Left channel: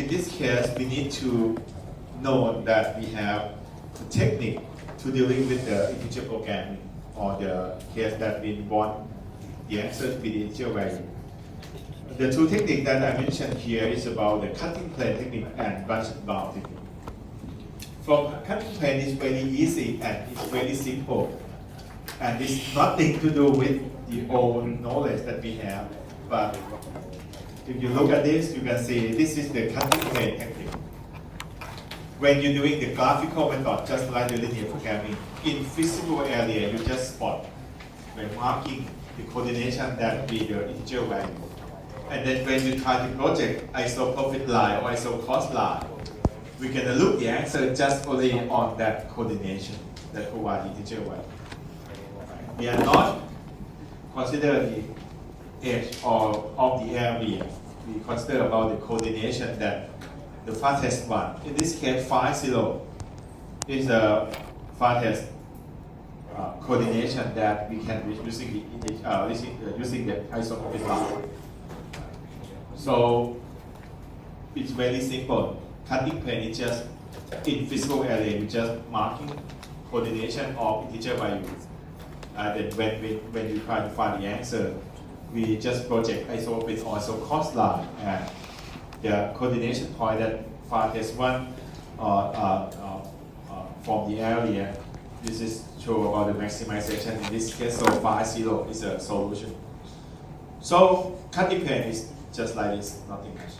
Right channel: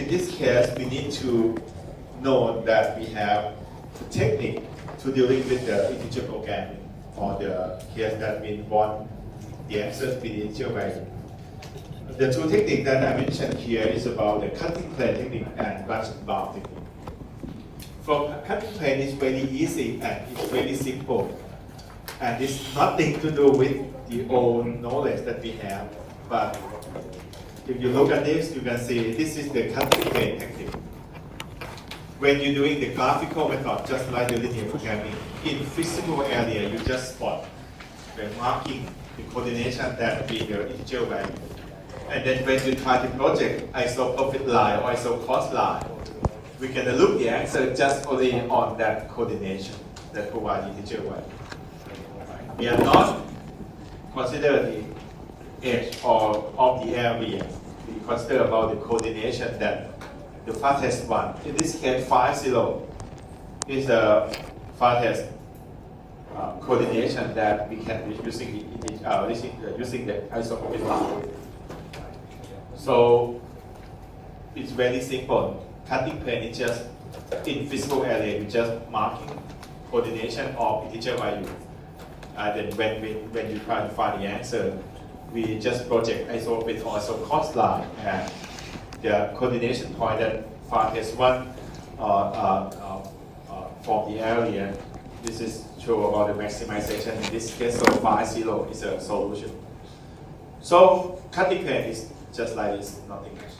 in this case, we need to know that we have a technique to dealing with the integer programming, or the case that we want the answer to be the integer value. The two techniques that I mentioned here is about the cutting plane technique and branch and bound technique. From cutting plane is very easy and it's very simple, and it's nothing to do with the old knowledge that we have. But if you look at this, you can see this is the cutting plane technique. When you're doing the graphical method, just like the linear programming, in physical area, you just spot when marking the coordination that will be the integer value. And then when you try to project iso-profit line or iso-cost line, we can look the answer just only on that coordination that provides integer value. We are not consider the edge or of the area. We consider about the coordination that the farthest one. In this case, 5,0 is the farthest coordination that we can be using the iso-profit line. So it's very simple. Cutting plane is just in physical area, you just marking coordination of integer value. And then when you try to find the answer, we just project iso-profit or iso-cost line, and the coordination point that farthest one from the area. This is show about the maximization in this case. So 5,0 is a solution. So cutting plane is just like this, nothing much.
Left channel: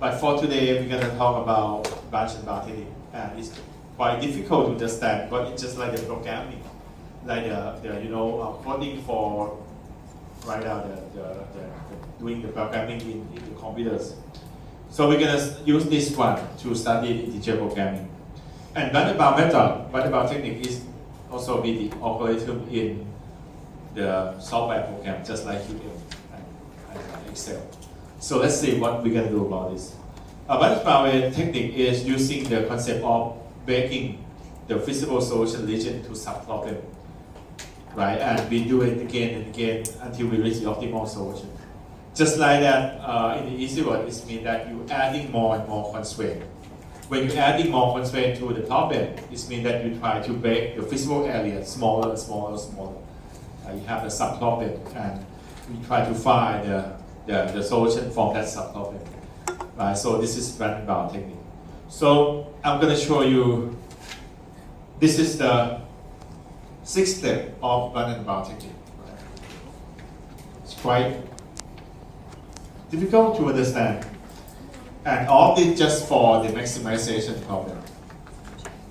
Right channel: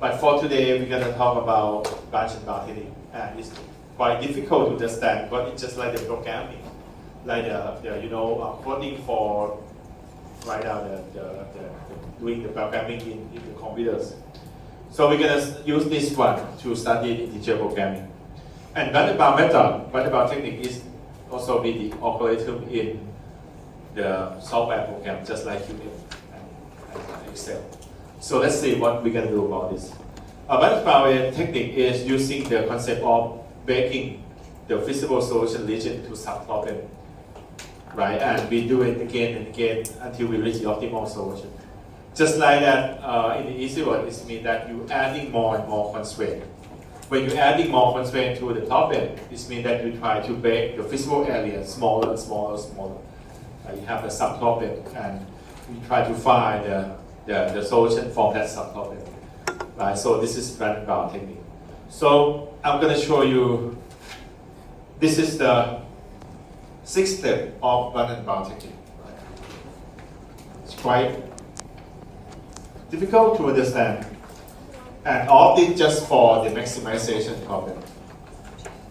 But for today, we're going to talk about branch and bound technique, and it's quite difficult to understand, but it's just like the programming, like the coding for right now doing the programming in the computers. So we're going to use this one to study integer programming. And branch and bound technique is also be the algorithm in the software program, just like QM and Excel. So let's see what we can do about this. A branch and bound technique is using the concept of breaking the feasible solution region to sub-problem, right? And we do it again and again until we reach the optimal solution. Just like that, in the easy word, it means that you're adding more and more constraints. When you're adding more constraints to the problem, it means that you try to break the feasible area smaller and smaller and smaller. You have the sub-problem, and you try to find the solution from that sub-problem. Right? So this is branch and bound technique. So I'm going to show you, this is the 6th step of branch and bound technique. It's quite difficult to understand. And all this just for the maximization problem.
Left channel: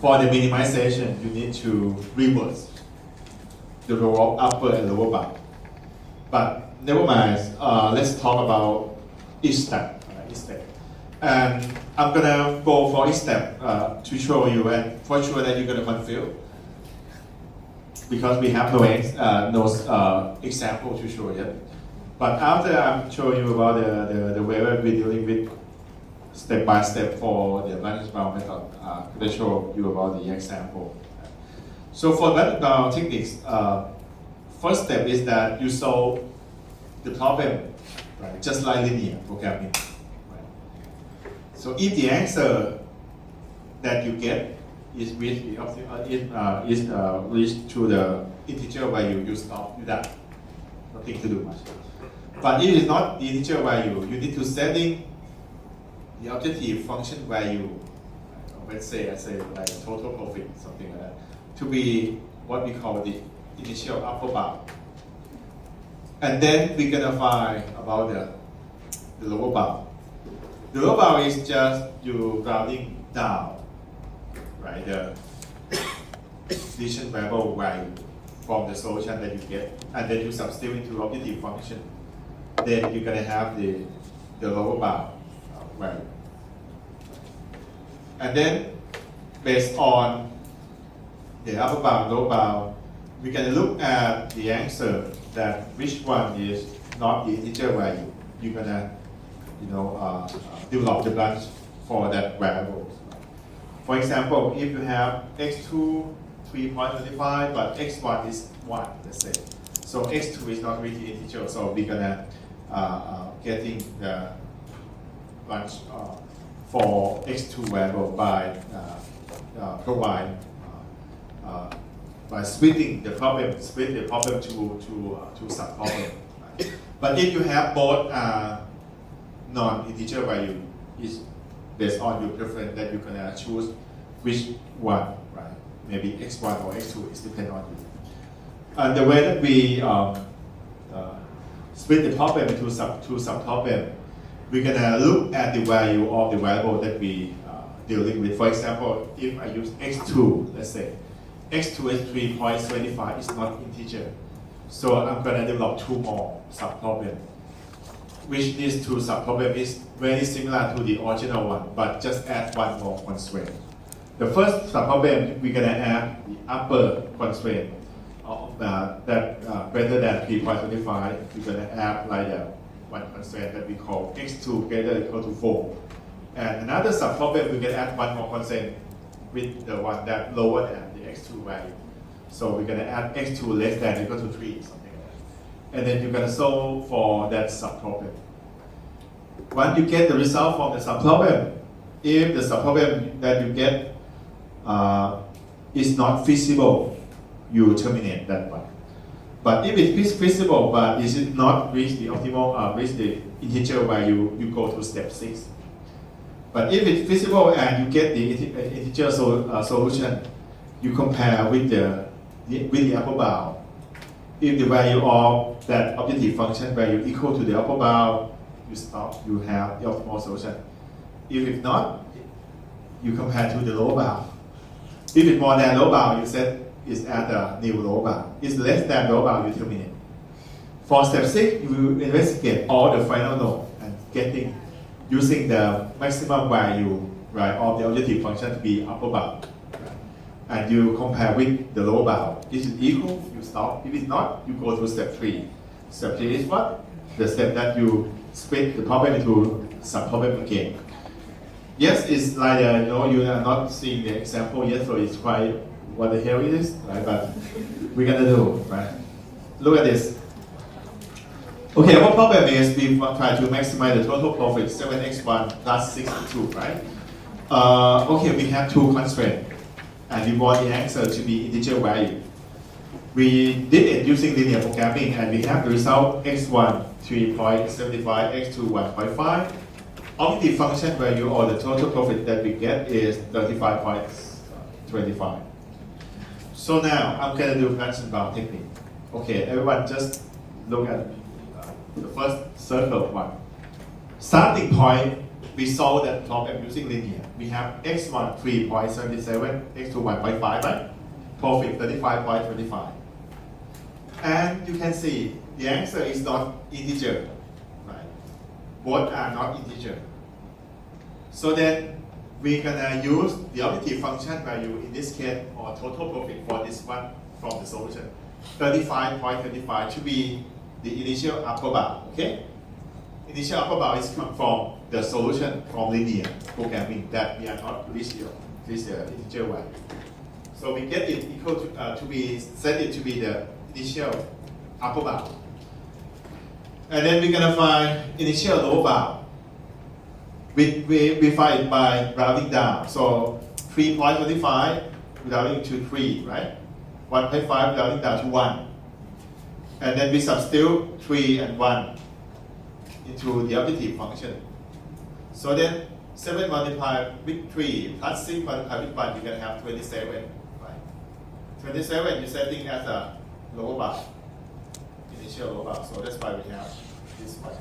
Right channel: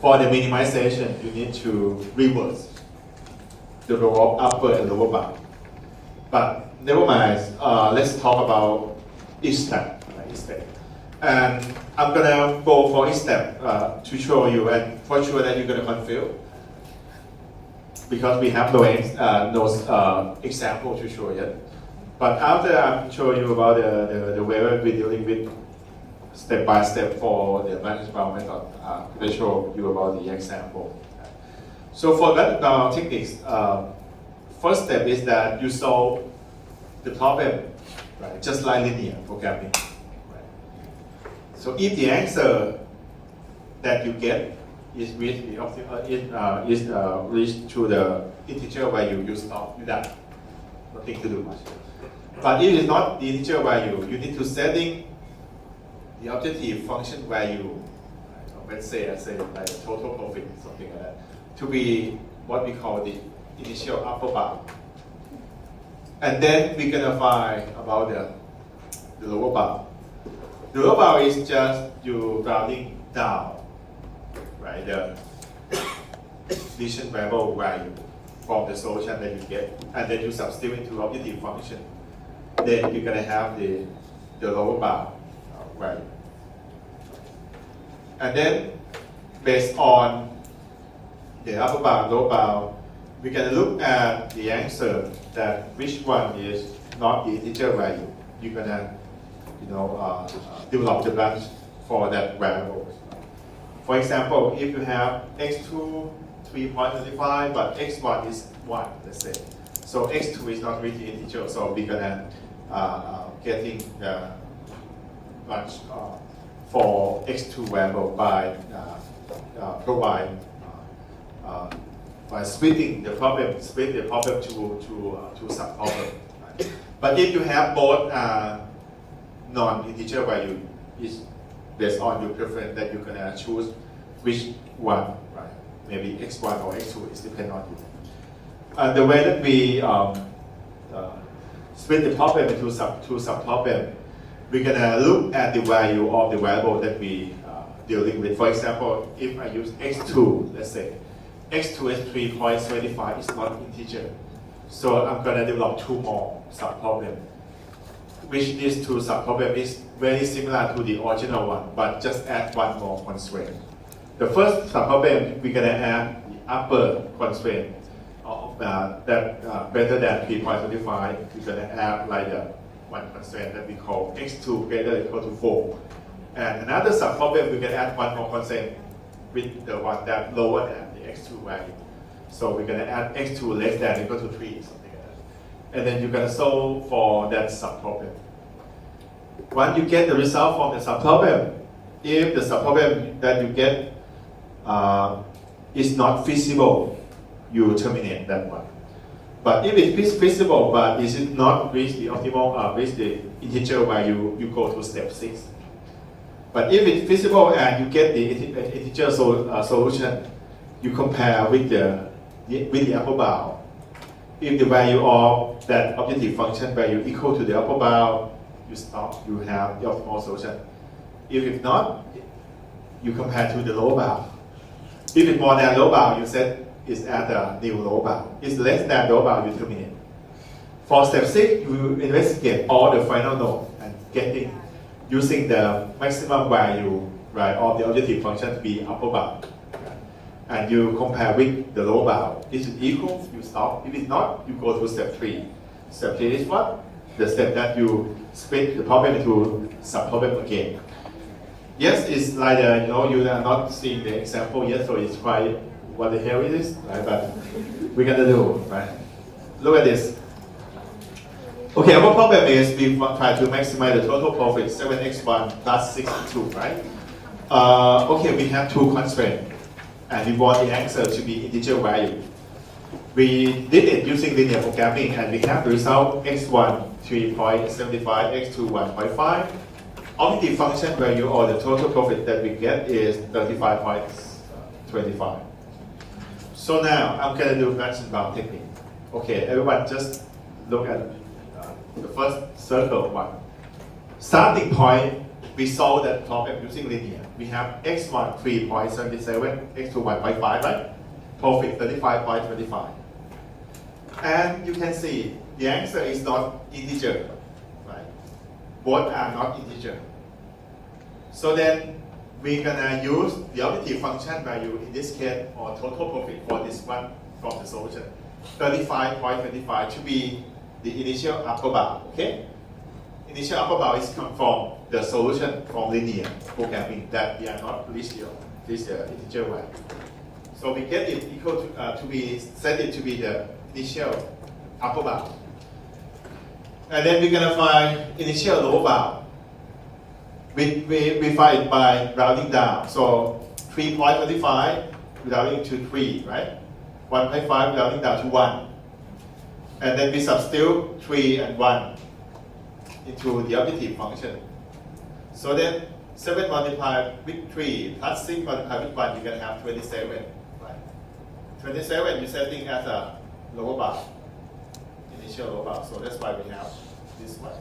For the minimization, you need to reverse the upper and lower bound. But never mind, let's talk about each step. And I'm gonna go for each step to show you, and for sure that you're gonna confuse, because we have no example to show yet. But after I'm showing you about the way we're dealing with step by step for the branch and bound method, I'm gonna show you about the example. So for branch and bound techniques, first step is that you solve the problem, right? Just like linear programming. Right? So if the answer that you get is reached to the integer value, you stop. You done. Nothing to do much. But if it's not the integer value, you need to setting the objective function value. Let's say I say like total profit, something like that, to be what we call the initial upper bound. And then we're gonna find about the lower bound. The lower bound is just you rounding down, right? The decision variable value from the solution that you get, and then you substitute into objective function. Then you're gonna have the lower bound value. And then based on the upper bound, lower bound, we're going to look at the answer that which one is not the integer value. You're going to develop the branch for that variable. For example, if you have x2 3.25, but x1 is 1, let's say. So x2 is not really integer, so we're going to getting the branch for x2 variable by splitting the problem, split the problem to subproblem. Right? But if you have both non-integer value, is based on your preference that you're gonna choose which one, right? Maybe x1 or x2 is depend on you. And the way that we split the problem into subproblem, we're gonna look at the value of the variable that we dealing with. For example, if I use x2, let's say x2 is 3.75, it's not integer. So I'm gonna develop two more subproblem, which these two subproblem is very similar to the original one, but just add one more constraint. The first subproblem, we're gonna add the upper constraint that better than 3.25. We're gonna add like one constraint that we call x2 greater or equal to 4. And another subproblem, we can add one more constraint with the one that lower than the x2 value. So we're gonna add x2 less than or equal to 3, something like that. And then you're gonna solve for that subproblem. Once you get the result from the subproblem, if the subproblem that you get is not feasible, you terminate that one. But if it is feasible, but it is not reach the optimal, reach the integer value, you go to step 6. But if it's feasible and you get the integer solution, you compare with the upper bound. If the value of that objective function value equal to the upper bound, you stop, you have the optimal solution. If it's not, you compare to the lower bound. If it's more than lower bound, you set is at the new lower bound. If it's less than lower bound, you terminate. For step 6, you investigate all the final node and using the maximum value, right, of the objective function to be upper bound. And you compare with the lower bound. If it's equal, you stop. If it's not, you go to step 3. Step 3 is what? The step that you split the problem into subproblem again. Yes, it's like you are not seeing the example yet, so it's quite what the hell it is, right? But we gotta do, right? Look at this. Okay, our problem is we try to maximize the total profit 7x1 plus 62, right? Okay, we have two constraints, and we want the answer to be integer value. We did it using linear programming, and we have the result x1 3.75, x2 1.5. Objective function value or the total profit that we get is 35.25. So now I'm going to do branch and bound technique. Okay, everyone just look at the first circle one. Starting point, we solve that problem using linear. We have x1 3.77, x2 1.5, right? Profit 35.25. And you can see the answer is not integer, right? Both are not integer. So then we're gonna use the objective function value in this case or total profit for this one from the solution. 35.25 to be the initial upper bound, okay? Initial upper bound is come from the solution from linear programming that we are not reach this integer value. So we get it equal to be set it to be the initial upper bound. And then we're gonna find initial lower bound. We find it by rounding down. So 3.25 rounding to 3, right? 1.5 rounding down to 1. And then we substitute 3 and 1 into the objective function. So then 7 multiplied with 3 plus 6 multiplied with 1, you can have 27. Right? 27 you're setting as a lower bound, initial lower bound. So that's why we have this one.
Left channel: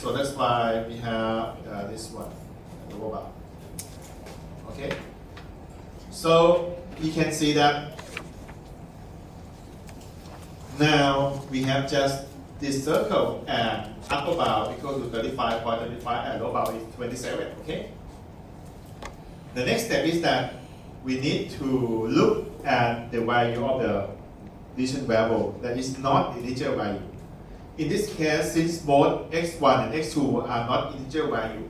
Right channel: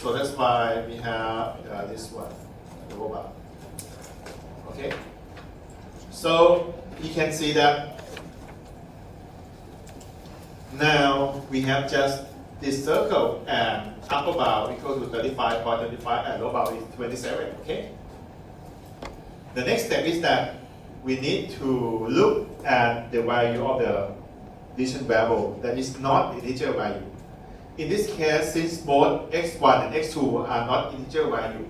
So that's why we have this one, lower bound. Okay. So you can see that now we have just this circle and upper bound equal to 35.25 and lower bound is 27. Okay. The next step is that we need to look at the value of the decision variable that is not integer value. In this case, since both x1 and x2 are not integer value,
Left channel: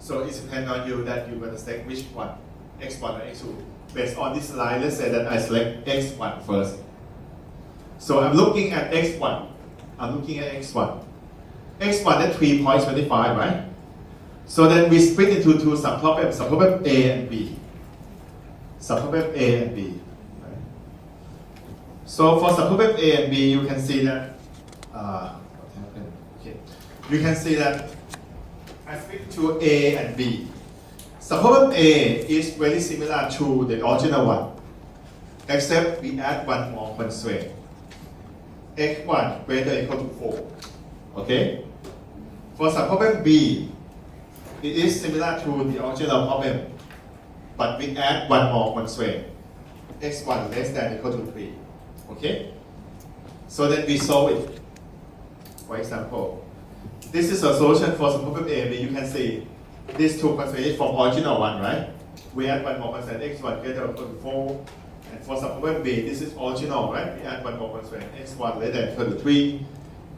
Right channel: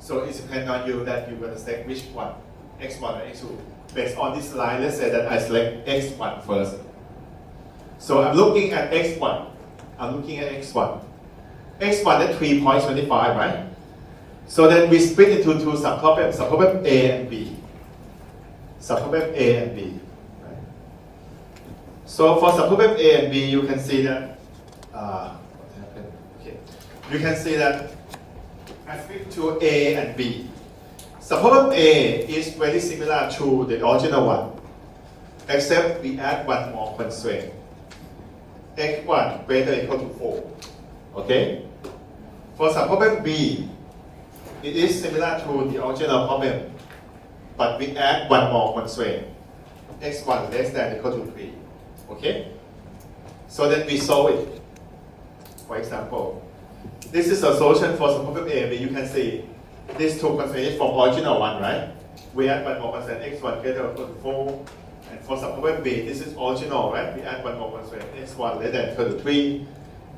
so it depends on you that you're going to select which one, x1 or x2. based on this line, let's say that I select x1 first. So I'm looking at x1. I'm looking at x1. x1 at 3.25, right? So then we split into two subproblems, subproblem A and B. Subproblem A and B. Right? So for subproblem A and B, you can see that what happened? Okay, you can see that I split to A and B. Subproblem A is very similar to the original one, except we add one more constraint. x1 greater than or equal to 4. Okay? For subproblem B, it is similar to the original problem, but we add one more constraint. x1 less than or equal to 3. Okay? So then we solve it. For example, this is a solution for subproblem A, but you can see these two constraints from original one, right? We add one more constraint, x1 greater or equal to 4. And for subproblem B, this is original, right? We add one more constraint, x1 less than or equal to 3.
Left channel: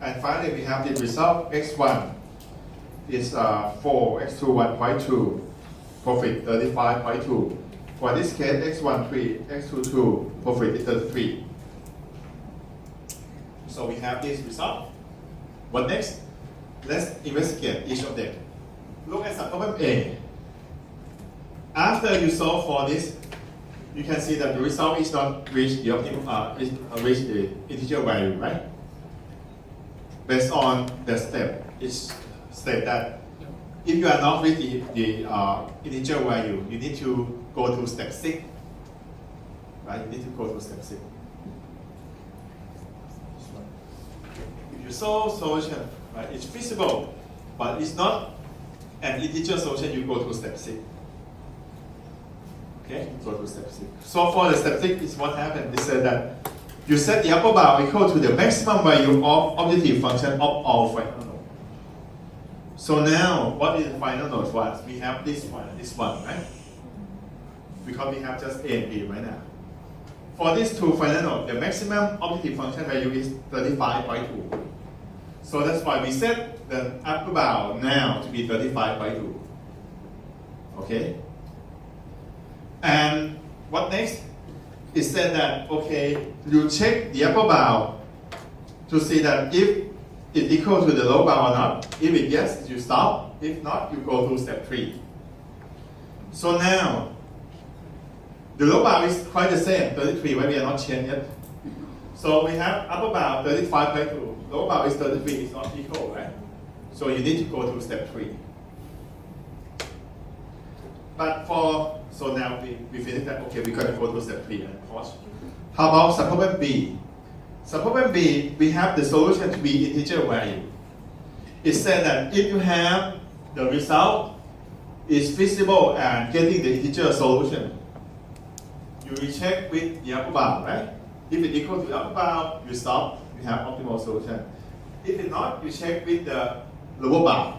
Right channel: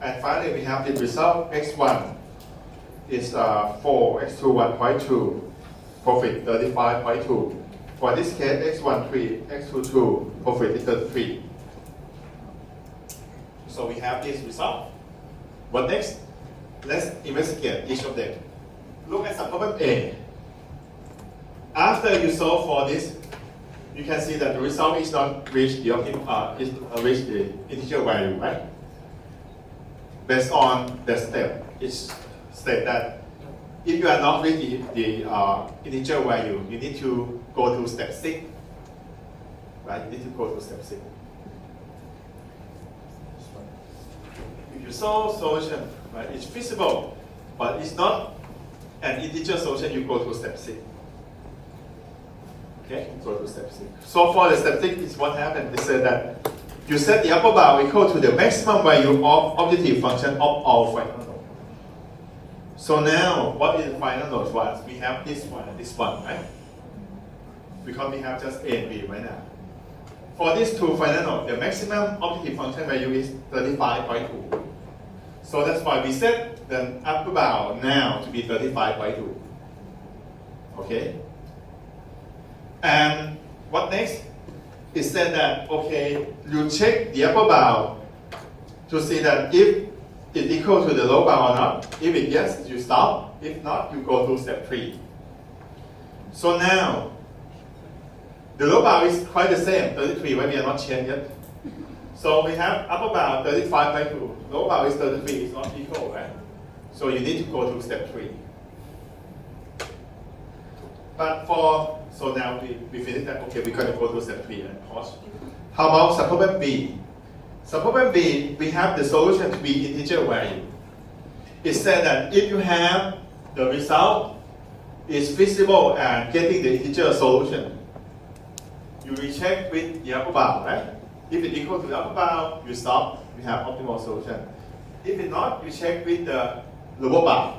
And finally, we have the result, x1 is 4, x2 1.2, profit 35.2. For this case, x1 3, x2 2, profit is 33. So we have this result. What next? Let's investigate each of them. Look at subproblem A. After you solve for this, you can see that the result is not reach the reach the integer value, right? Based on the step, it's state that if you are not with the integer value, you need to go to step 6. Right? You need to go to step 6. If you solve solution, right, it's feasible, but it's not an integer solution, you go to step 6. Okay, go to step 6. So for the step 6 is what happened. They said that you set the upper bound equal to the maximum value of objective function of all final nodes. So now, what is the final node for us? We have this one, right? Because we have just A and B right now. For these two final nodes, the maximum objective function value is 35.2. So that's why we set the upper bound now to be 35.2. Okay? And what next? It said that, okay, you check the upper bound to see that if it's equal to the lower bound or not. If it yes, you stop. If not, you go to step 3. So now, the lower bound is quite the same, 33, but we are not changed yet. So we have upper bound 35.2, lower bound is 33, it's not equal, right? So you need to go to step 3. But so now we finished that, okay, we're going to go to step 3 and pause. How about subproblem B? Subproblem B, we have the solution to be integer value. It said that if you have the result is feasible and getting the integer solution, you recheck with the upper bound, right? If it's equal to the upper bound, you stop, you have optimal solution. If it's not, you check with the lower bound.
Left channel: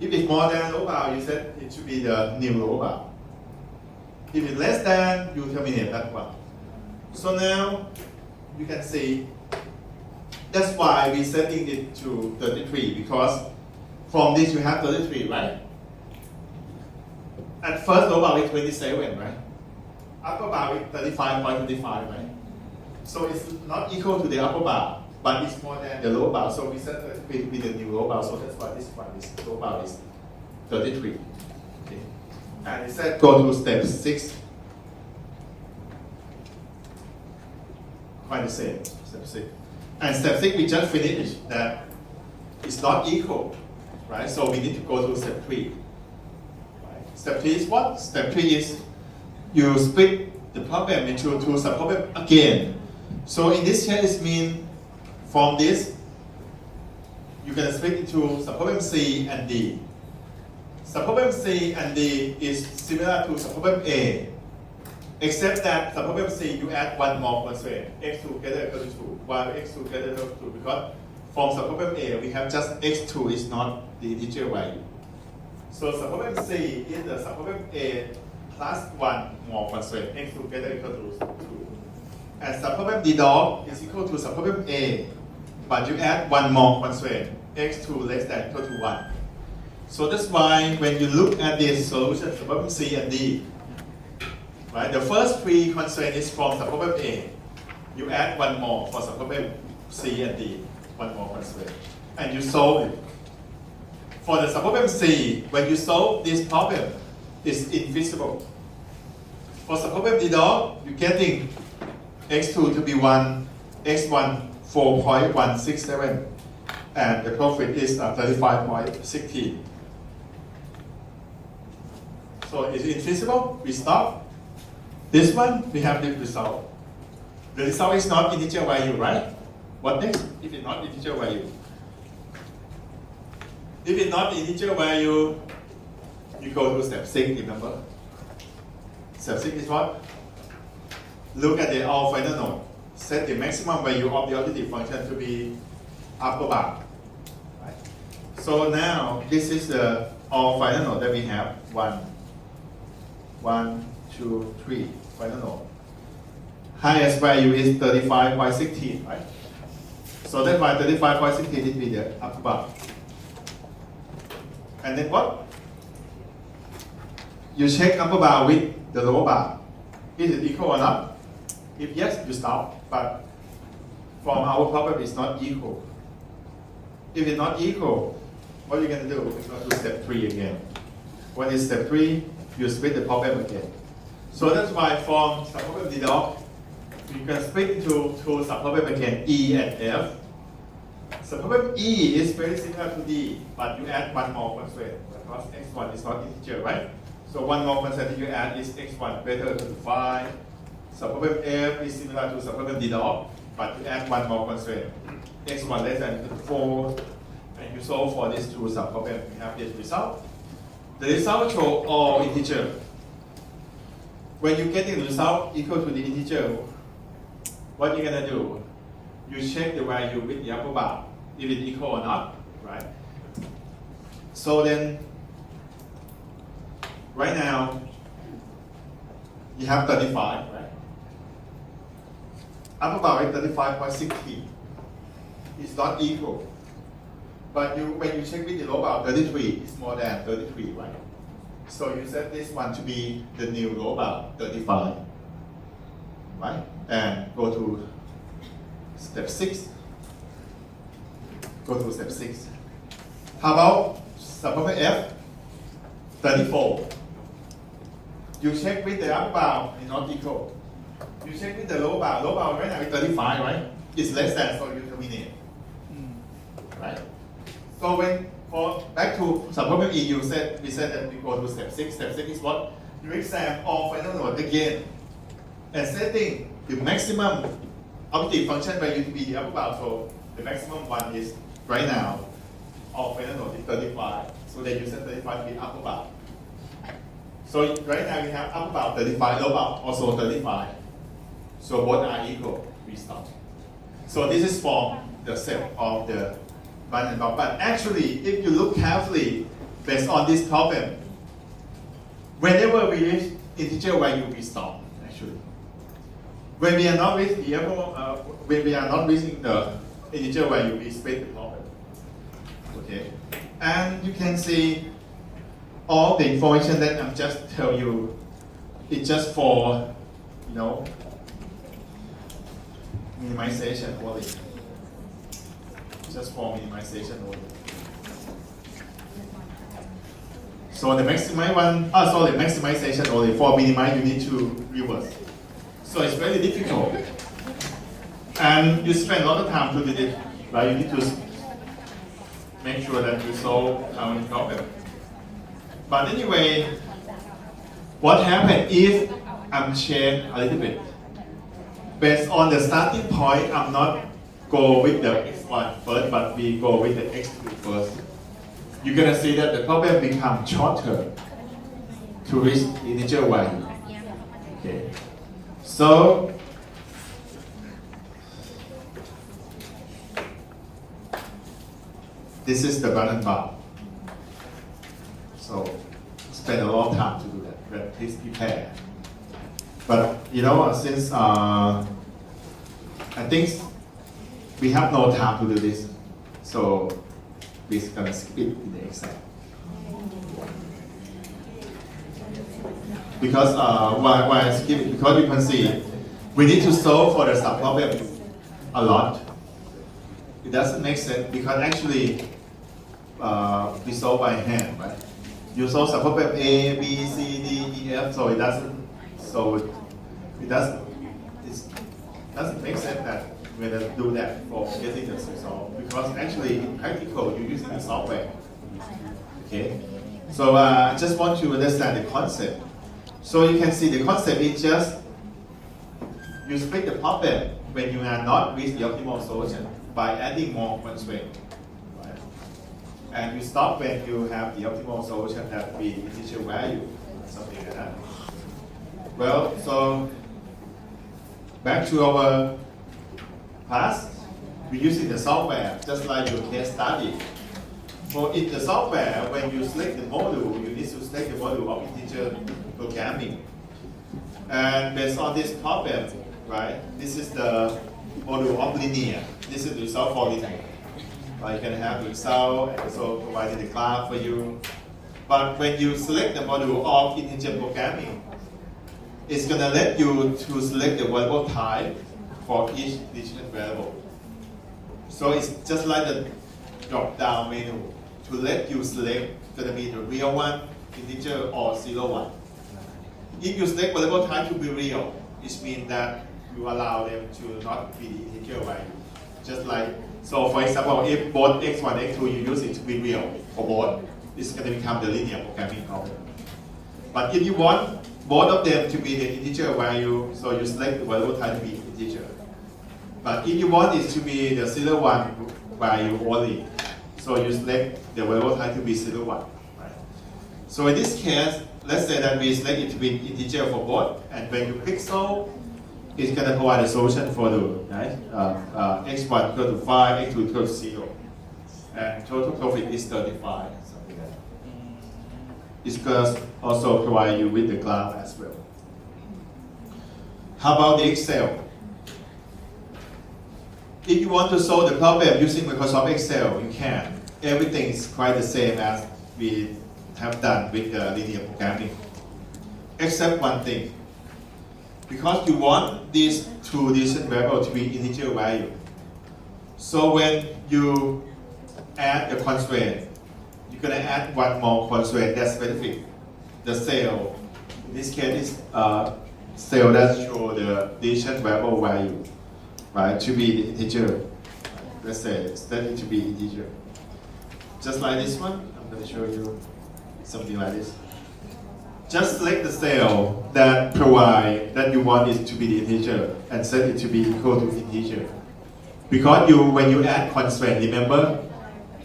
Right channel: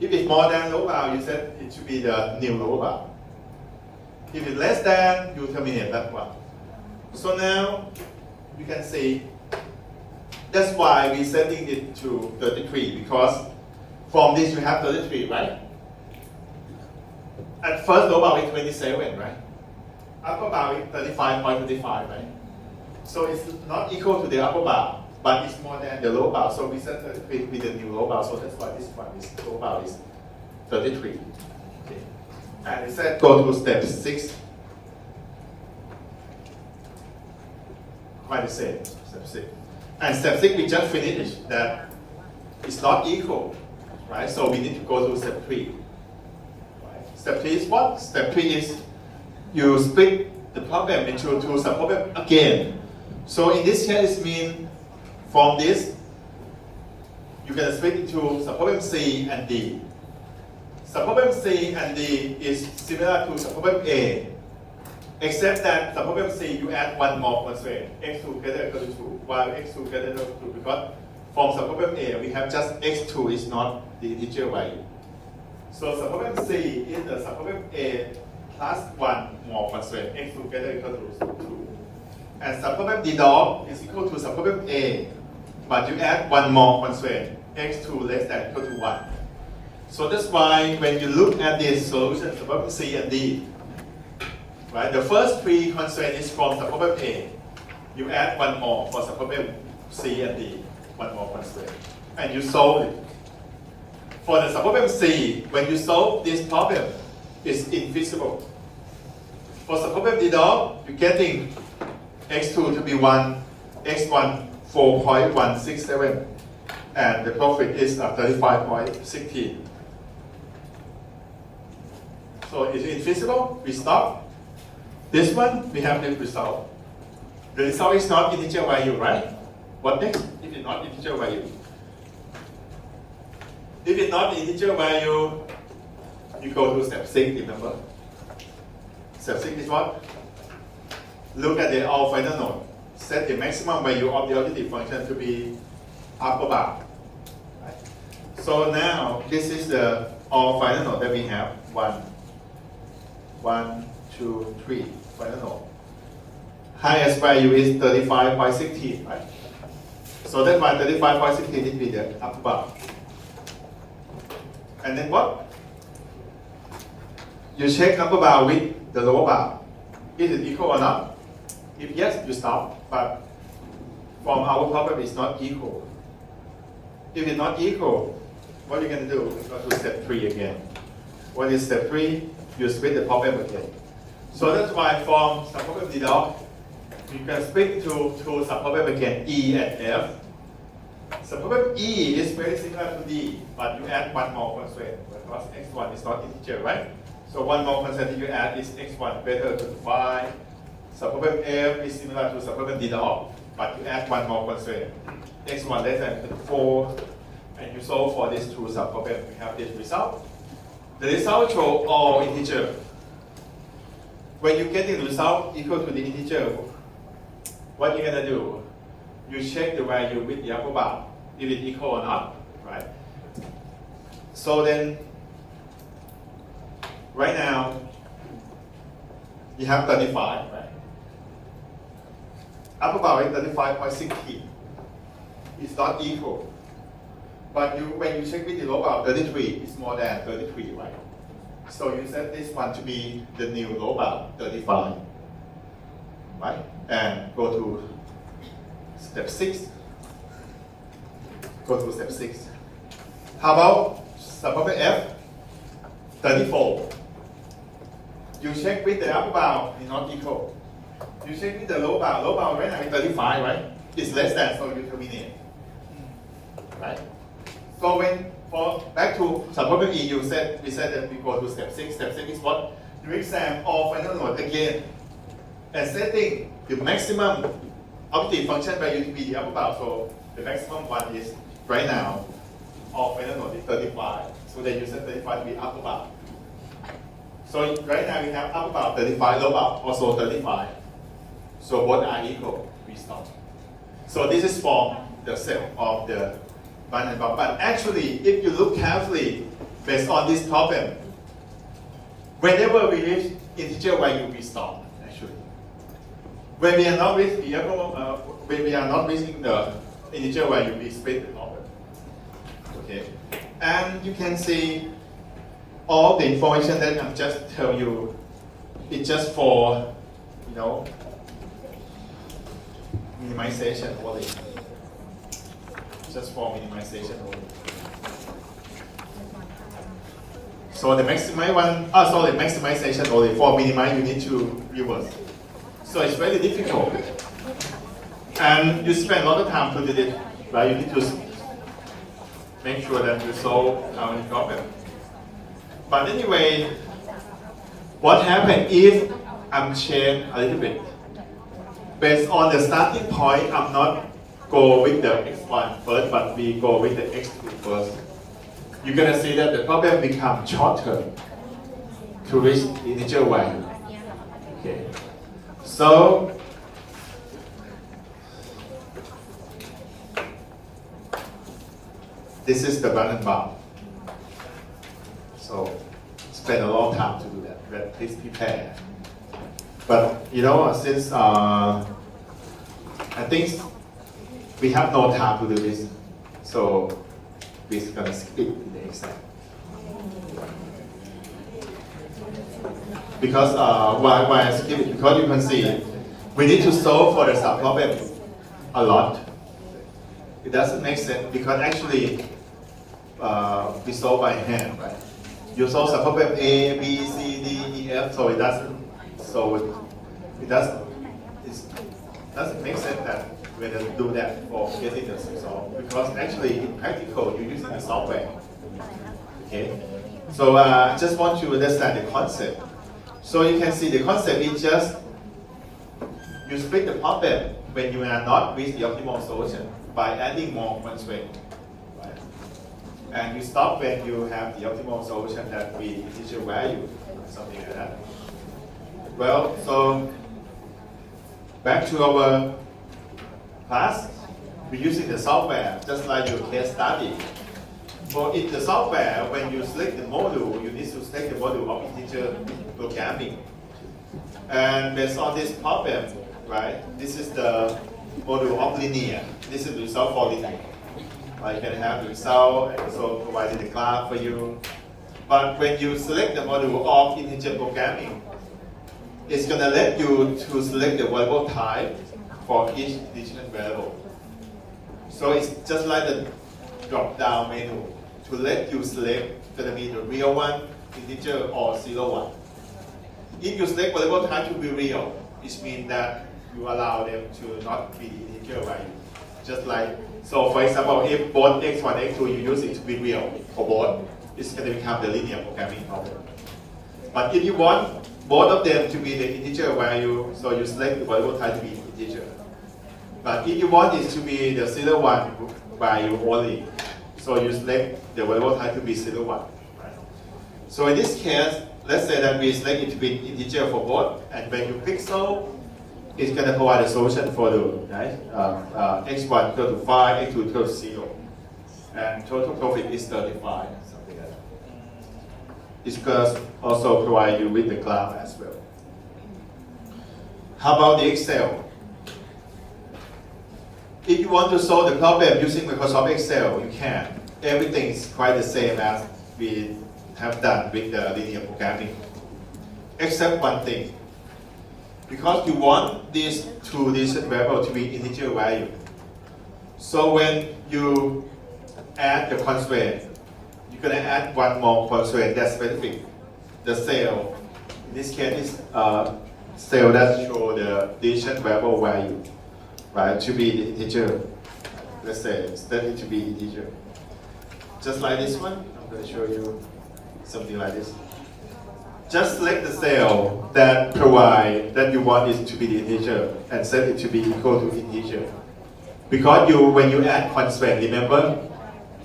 If it's more than lower bound, you said it should be the new lower bound. If it's less than, you terminate that one. So now, you can see, that's why we're setting it to 33, because from this you have 33, right? At first, lower bound is 27, right? Upper bound is 35.25, right? So it's not equal to the upper bound, but it's more than the lower bound. So we set 33 with the new lower bound, so that's why this one is lower bound is 33. Okay. And it said go to step 6. Quite the same, step 6. And step 6 we just finished that it's not equal, right? So we need to go to step 3. Right? Step 3 is what? Step 3 is you split the problem into two subproblems again. So in this case, it means from this, you can split into subproblem C and D. Subproblem C and D is similar to subproblem A, except that subproblem C you add one more constraint, x2 greater than or equal to 2, while x2 greater than or equal to 2, because from subproblem A we have just x2 is not the integer value. So subproblem C is the subproblem A plus one more constraint, x2 greater than or equal to 2. And subproblem D dot is equal to subproblem A, but you add one more constraint, x2 less than or equal to 1. So that's why when you look at this solution, subproblem C and D, right? The first three constraint is from subproblem A. You add one more for subproblem C and D, one more constraint, and you solve it. For the subproblem C, when you solve this problem, it's infeasible. For subproblem D dot, you're getting x2 to be 1, x1 4.167, and the profit is 35.16. So is it infeasible? We stop. This one, we have the result. The result is not integer value, right? What next? If it's not integer value. If it's not integer value, you go to step 6, remember? Step 6 is what? Look at the all final node. Set the maximum value of the objective function to be upper bound. Right? So now, this is the all final node that we have. 1, 2, 3, final node. Highest value is 35.16, right? So that's why 35.16 will be the upper bound. And then what? You check upper bound with the lower bound. Is it equal or not? If yes, you stop. But from our problem, it's not equal. If it's not equal, what are you going to do? You go to step 3 again. What is step 3? You split the problem again. So that's why from subproblem D dot, you can split to subproblem again, E and F. Subproblem E is very similar to D, but you add one more constraint because x1 is not integer, right? So one more constraint you add is x1 greater than 5. Subproblem F is similar to subproblem D dot, but you add one more constraint, x1 less than 4, and you solve for these two subproblems. You have this result. The result shows all integer. When you get the result equal to the integer, what you're gonna do? You check the value with the upper bound, if it's equal or not, right? So then, right now, you have 35, right? Upper bound is 35.16. It's not equal. But when you check with the lower bound, 33 is more than 33, right? So you set this one to be the new lower bound, 35, right? And go to step 6. Go to step 6. How about subproblem F? 34. You check with the upper bound, it's not equal. You check with the lower bound right now is 35, right? It's less than, so you terminate. Right? So back to subproblem E, we said that we go to step 6. Step 6 is what? You examine all final node again and setting the maximum objective function value to be the upper bound. So the maximum one is right now all final node is 35. So then you set 35 to be upper bound. So right now we have upper bound 35, lower bound also 35. So both are equal. We stop. So this is for the set of the one and bound. But actually, if you look carefully, based on this problem, whenever we reach integer value, we stop. Actually, when we are not reaching the integer value, we split the problem. Okay, and you can see all the information that I'm just telling you. It's just for minimization only. Just for minimization only. So the maximization only. For minimize, you need to reverse. So it's very difficult. And you spend a lot of time to do it, right? You need to make sure that you solve our problem. But anyway, what happens if I'm changed a little bit? Based on the starting point, I'm not go with the x1 first, but we go with the x2 first. You're gonna see that the problem becomes shorter to reach integer value. Okay. So this is the balance bound. So spend a long time to do that. But please prepare. But since I think we have no time to do this, so we're gonna skip it in the exam. Because why I skip it? Because you can see we need to solve for the subproblem a lot. It doesn't make sense because actually we solve by hand, right? You solve subproblem A, B, C, D, E, F, so it doesn't make sense that when I do that for getting the result, because actually in practical you're using the software. Okay, so I just want to understand the concept. So you can see the concept is just you split the problem when you are not with the optimal solution by adding more constraint, right? And you stop when you have the optimal solution that be integer value, something like that. Well, so back to our class, we're using the software just like your case study. So in the software, when you select the module, you need to select the module of integer programming. And based on this problem, right, this is the module of linear. This is the result for linear. Right, you can have the result and also providing the class for you. But when you select the module of integer programming, it's going to let you to select the variable type for each decision variable. So it's just like the drop-down menu to let you select going to be the real one, integer, or 0, 1. If you select variable type to be real, it means that you allow them to not be integer value. Just like, so for example, if both x1 and x2 you use it to be real for both, it's going to become the linear programming problem. But if you want both of them to be the integer value, so you select the variable type to be integer. But if you want it to be the 0, 1 value only, so you select the variable type to be 0, 1. Right? So in this case, let's say that we select it to be integer for both, and when you click solve, it's going to provide a solution for the right? X1 equal to 5, X2 equal to 0. And total profit is 35, something like that. It's going to also provide you with the graph as well. How about the Excel? If you want to solve the problem using Microsoft Excel, you can. Everything is quite the same as we have done with the linear programming. Except one thing. Because you want these two decision variables to be integer value. So when you add the constraint, you're going to add one more constraint that's specific. The cell, in this case, is cell that show the decision variable value, right, to be integer. Let's say set it to be integer. Just like this one, I'm going to show you something like this. Just select the cell that you want it to be the integer and set it to be equal to integer. Because when you add constraint, remember,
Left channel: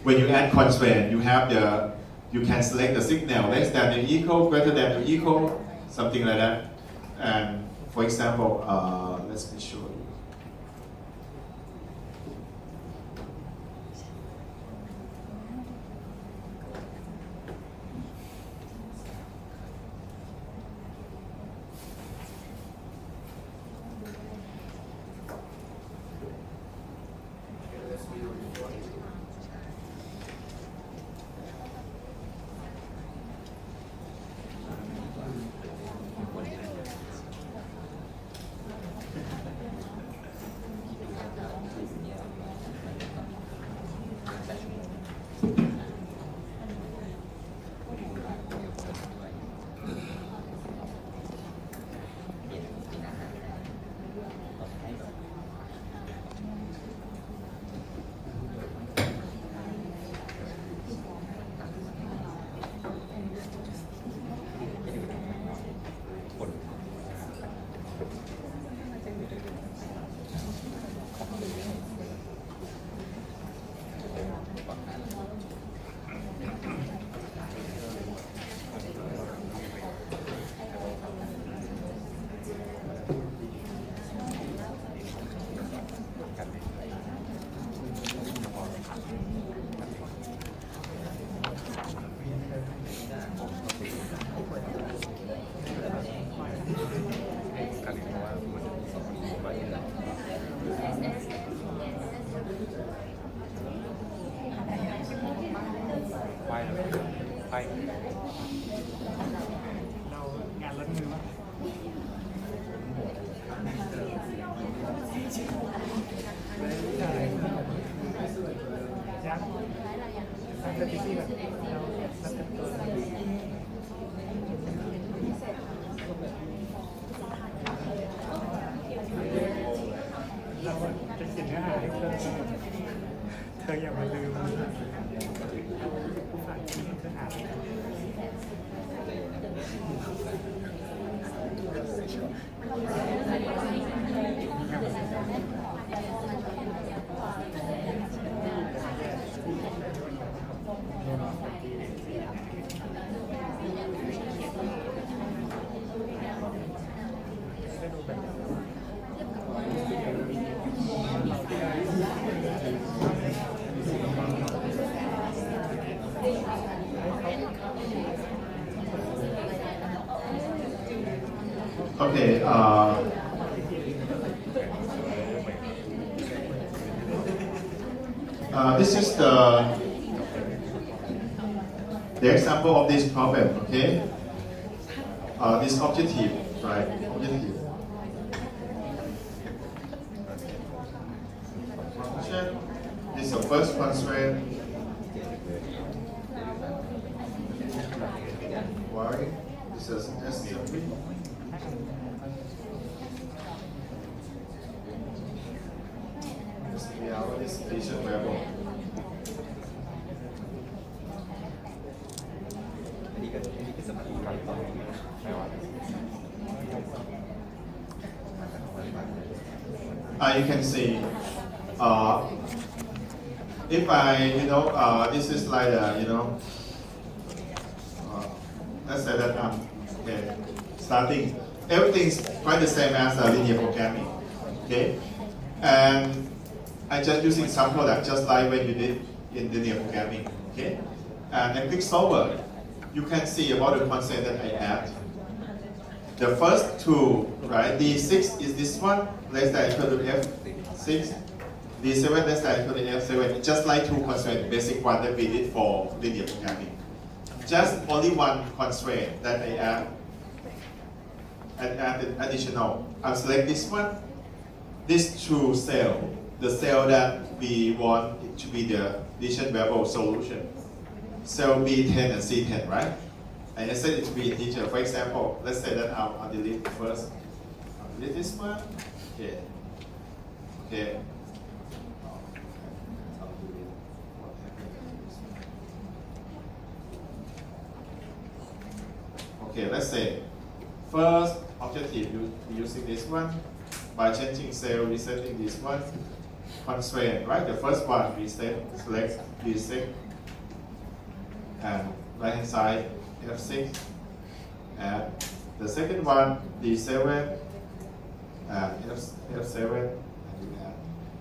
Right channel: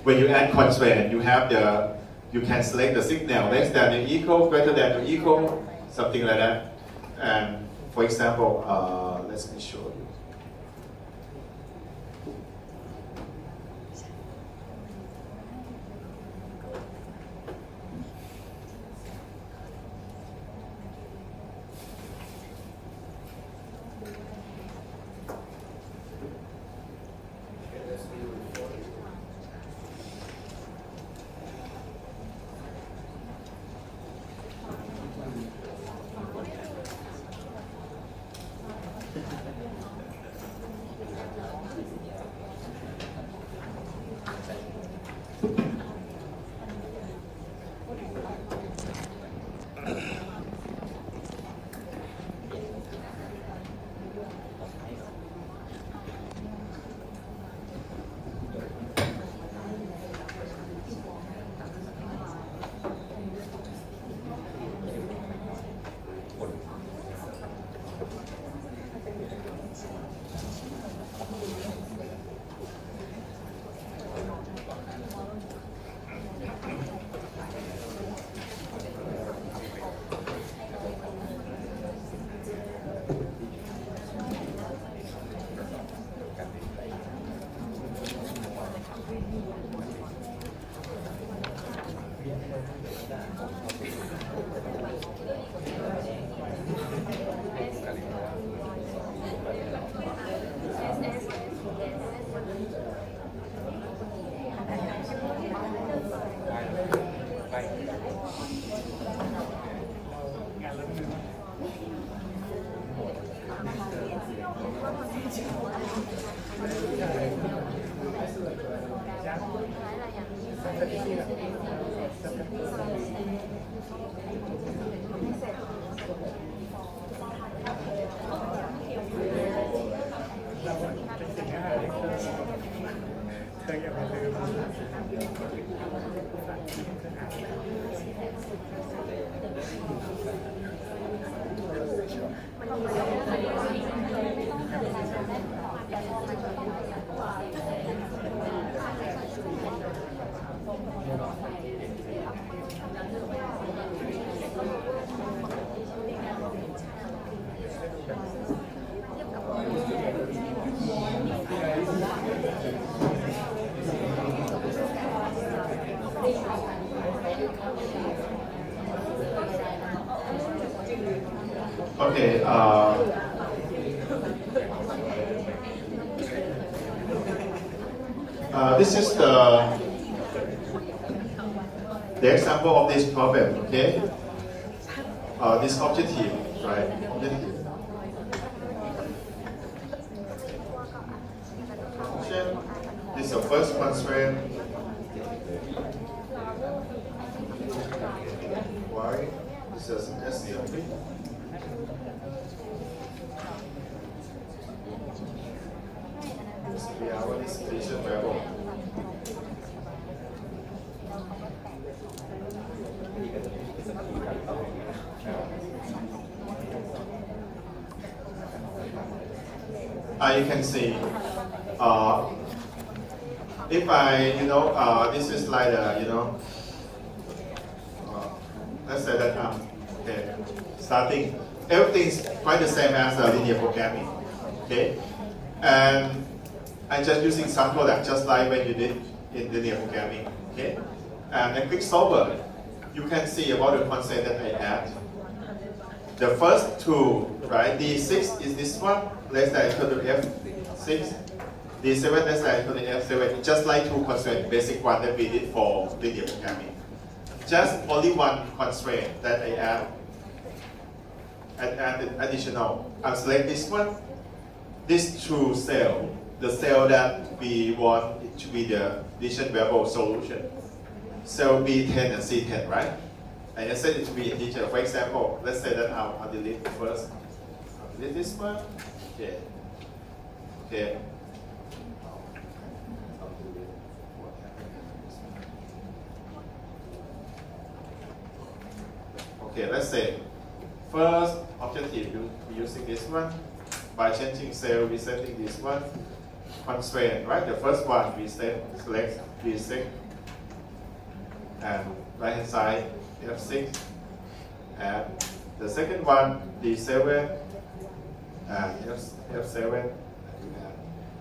when you add constraint, you can select the signal less than or equal, greater than or equal, something like that. And for example, let me show you. Okay. This is the example of this problem. Okay. This objective, right? Objective. Function is the first constraint. Y is as simply. We have all this division variable. You can see, if I, this is like let's say that okay, starting, everything's quite the same as linear programming, okay, and I'm just using some product just like when you did in linear programming, okay, and then click solver, you can see about the concept that I add. The first two, right, D6 is this one, less than equal to F6, D7 less than equal to F7, just like two constraints, basic one that we did for linear programming. Just only one constraint that I add, and add additional. I'll select this one, this true cell, the cell that we want it to be the division variable solution. Cell B10 and C10, right? And I set it to be integer. For example, let's say that I'll delete first. I'll delete this one. Okay. Okay. Okay, let's say first objective using this one by changing cell, resetting this one. Constraint, right? The first one we select B6 and right hand side F6, and the second one D7 and F7,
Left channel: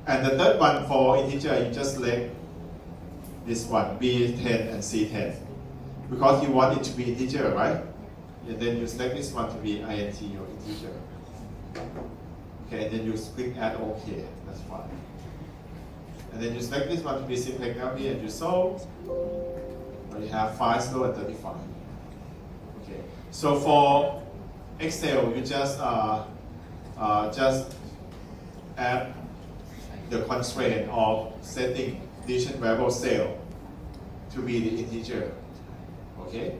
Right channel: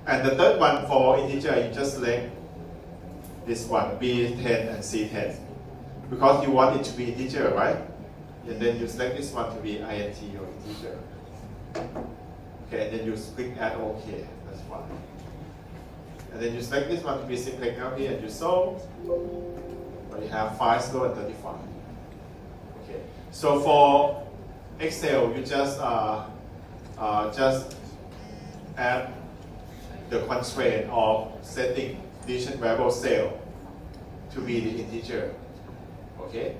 and the third one for integer you just select this one B10 and C10 because you want it to be integer, right? And then you select this one to be int or integer. Okay, and then you click add OK. That's fine. And then you select this one to be simplex LP and you solve. But you have 5 slow and 35. Okay. So for Excel, you just add the constraint of setting division variable cell to be the integer. Okay.